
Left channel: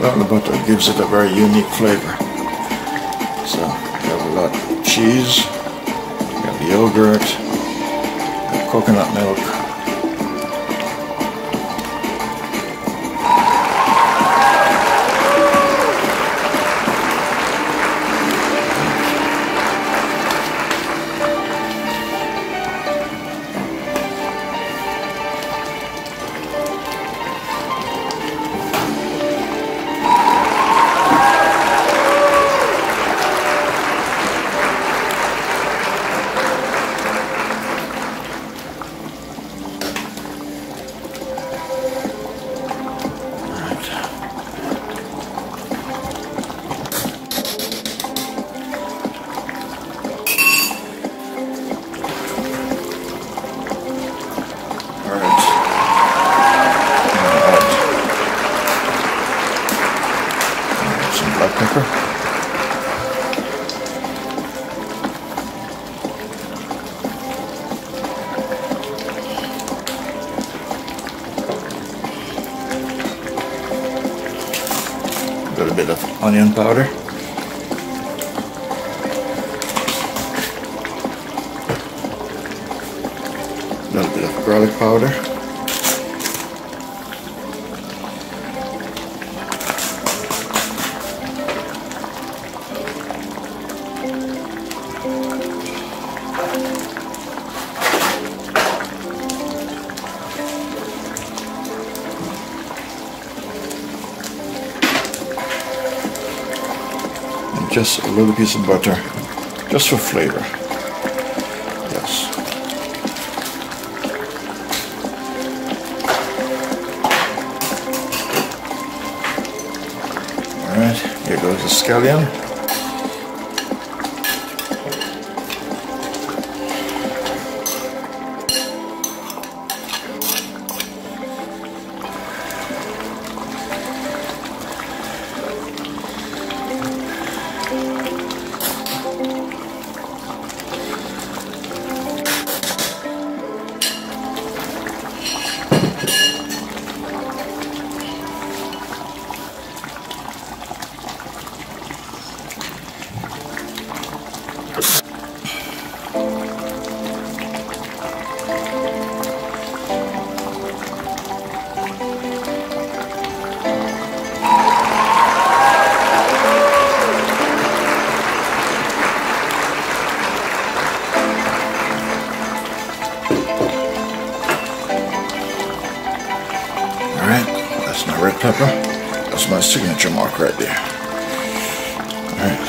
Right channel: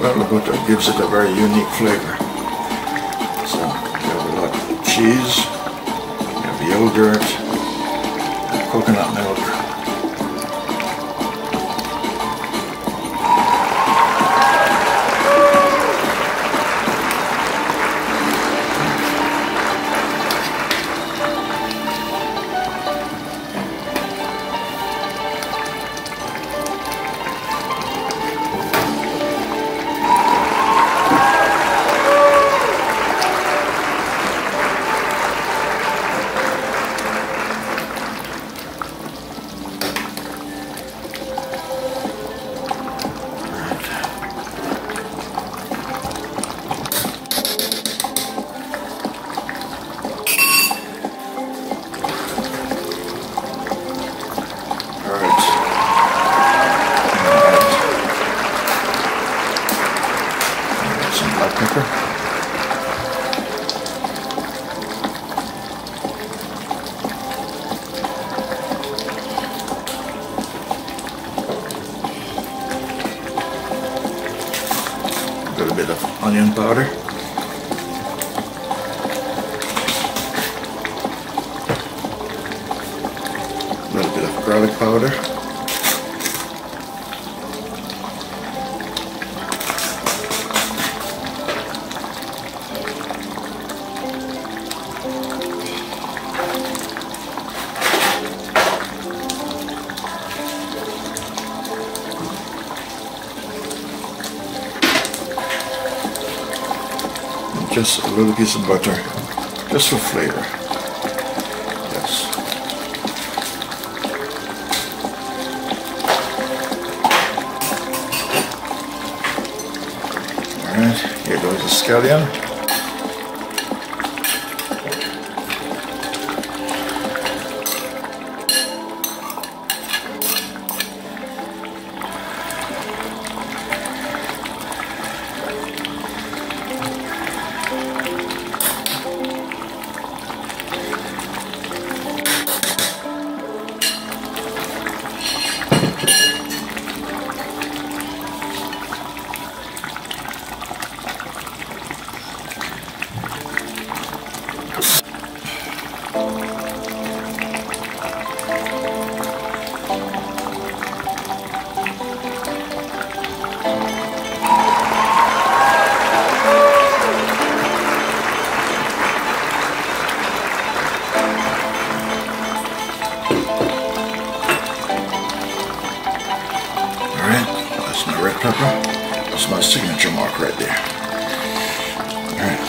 Well, the butter gives it a very unique flavor. So you have a lot of cheese. Yogurt, coconut milk, a little bit of onion powder. A little bit of garlic powder. Just a little piece of butter, just for flavor. Yes. Alright, here goes the scallion. That's my signature mark right there. Alright.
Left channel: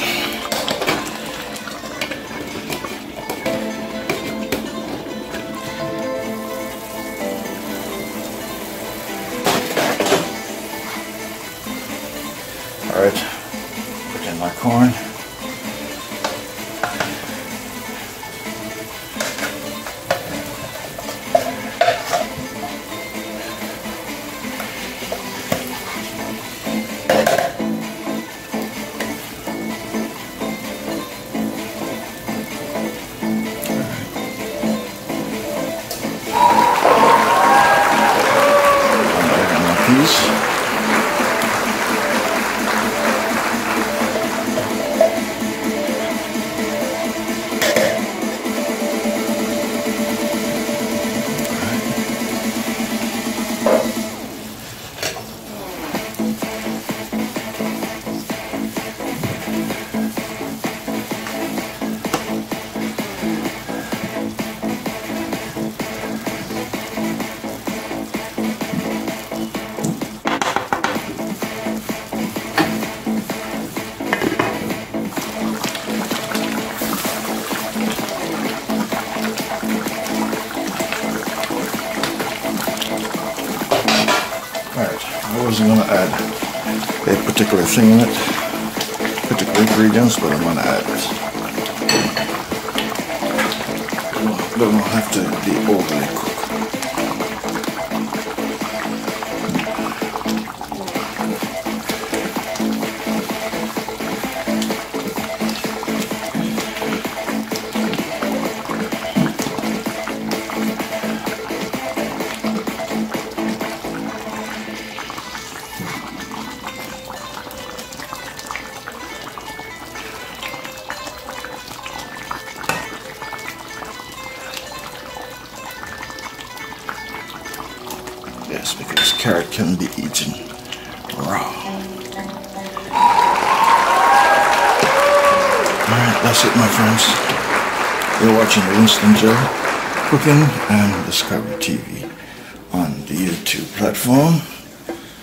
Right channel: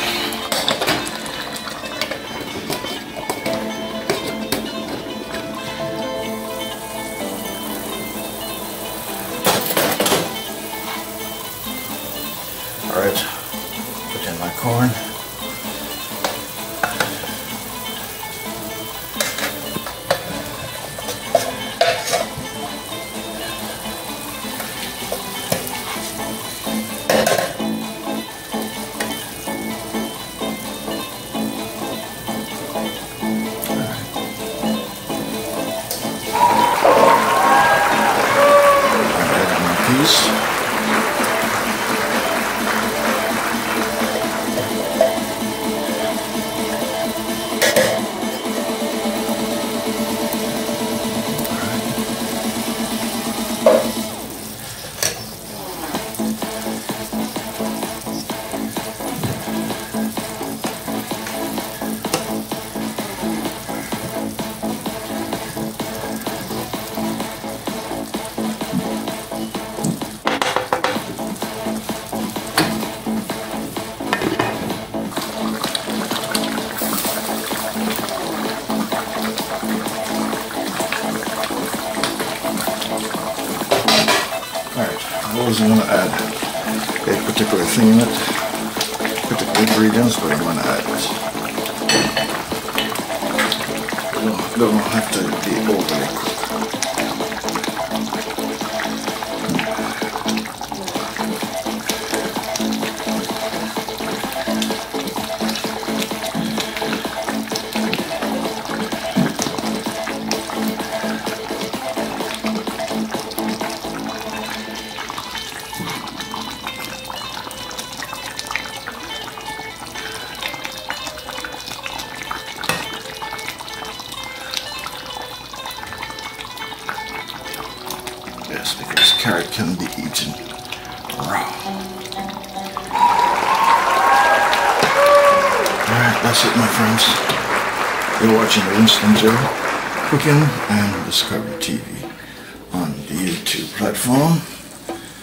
Alright, put in my corn. I wasn't going to add a particular thing in it, particular ingredients, but I'm going to add it. It doesn't have to be overly cooked. Yes, because carrot can be eaten raw. Alright, that's it, my friends. You're watching Winston Joe Cooking and Discovery TV on the YouTube platform.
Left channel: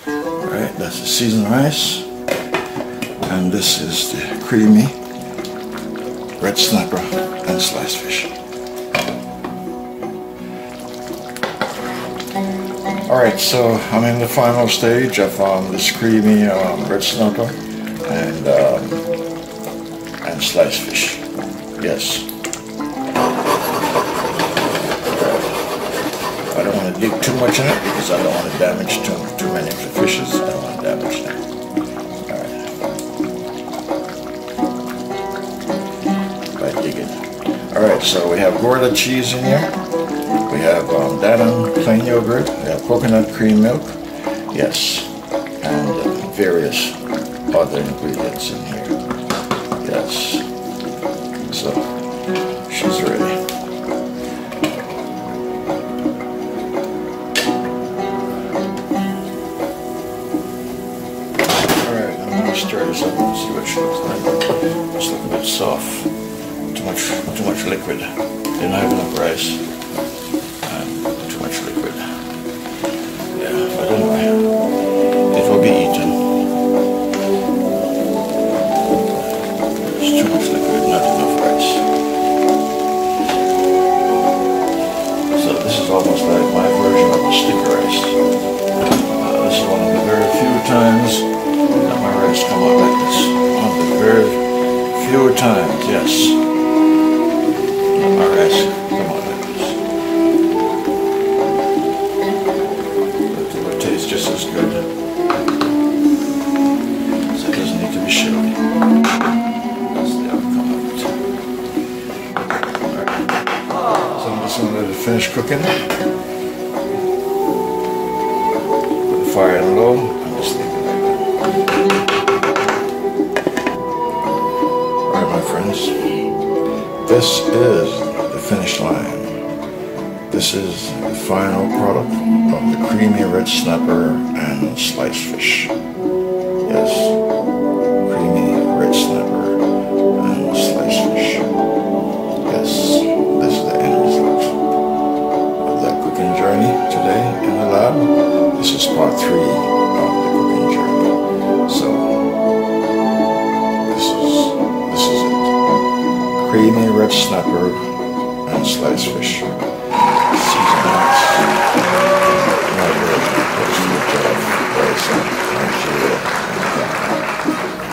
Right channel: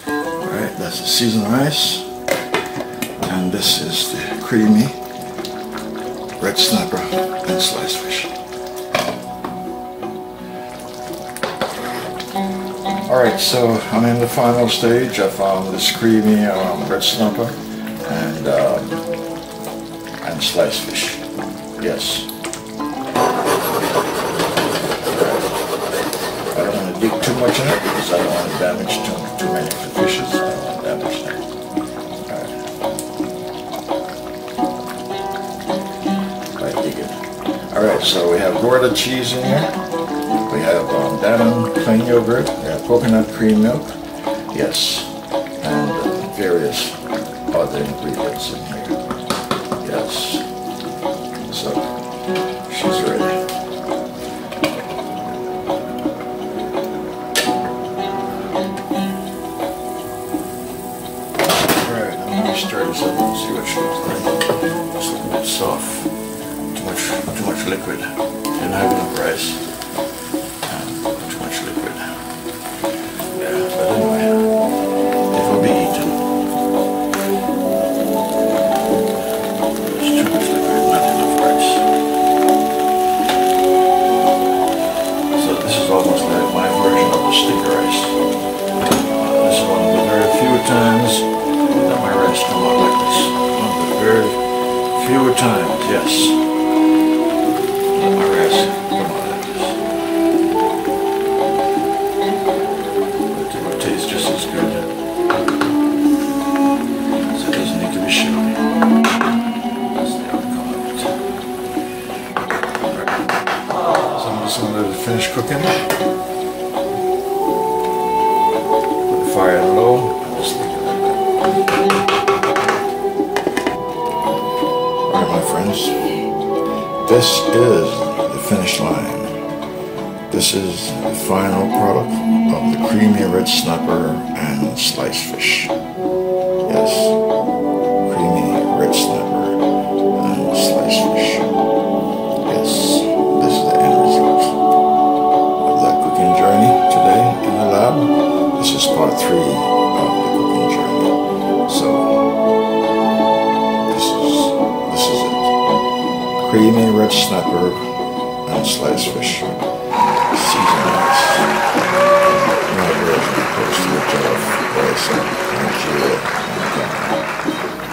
Alright, that's the seasoned rice. And this is the creamy red snapper and sliced fish. Alright, so I'm in the final stage of this creamy red snapper and sliced fish. Yes. I don't want to dig too much in it because I don't want to damage too many of the fishes. I don't want to damage them. Alright. Right, dig it. Alright, so we have Gouda cheese in here. We have Dannon plain yogurt, we have coconut cream milk, yes, and various other ingredients in here, yes. So, she's ready. Alright, I'm going to stir this up and see what she looks like. It's looking a bit soft, too much liquid, didn't have enough rice. Almost like my version of the sticky rice. This is one of the very few times that my rice come out like this. One of the very few times, yes, that my rice come out like this. But it will taste just as good. So it doesn't need to be shelly. That's the outcome of it. Right. So I'm just going to let it finish cooking. Fire low, and just leave it like that. Alright, my friends, this is the finish line. This is the final product of the creamy red snapper and sliced fish. Yes, creamy red snapper and sliced fish. Yes, this is the end result of that cooking journey today in the lab. This is part 3 of the cooking journey. creamy red snapper and sliced fish. Seasonings. Now we're close to the jollof rice and Nigeria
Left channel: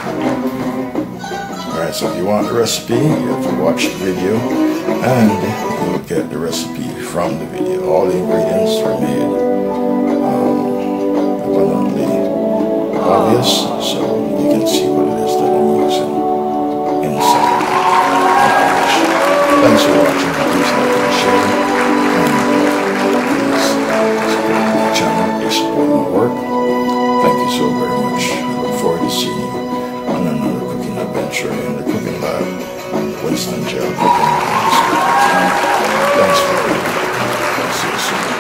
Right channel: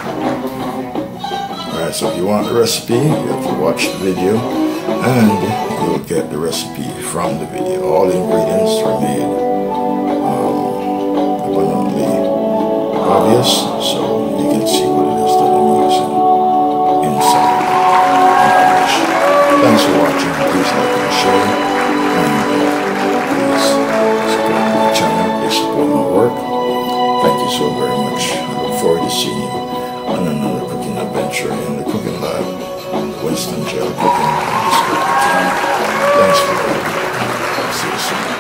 and Ghana. Alright, so if you want the recipe, you have to watch the video and you will get the recipe from the video. All the ingredients are made abundantly obvious, so you can see what it is that I'm using inside the dish. Thanks for watching. Please like and share, and please support my channel. Please support my work. Thank you so very much. I look forward to seeing you on another cooking adventure in the cooking lab. Winston Gel Cooking and Discovery TV. Thanks for watching. See you soon.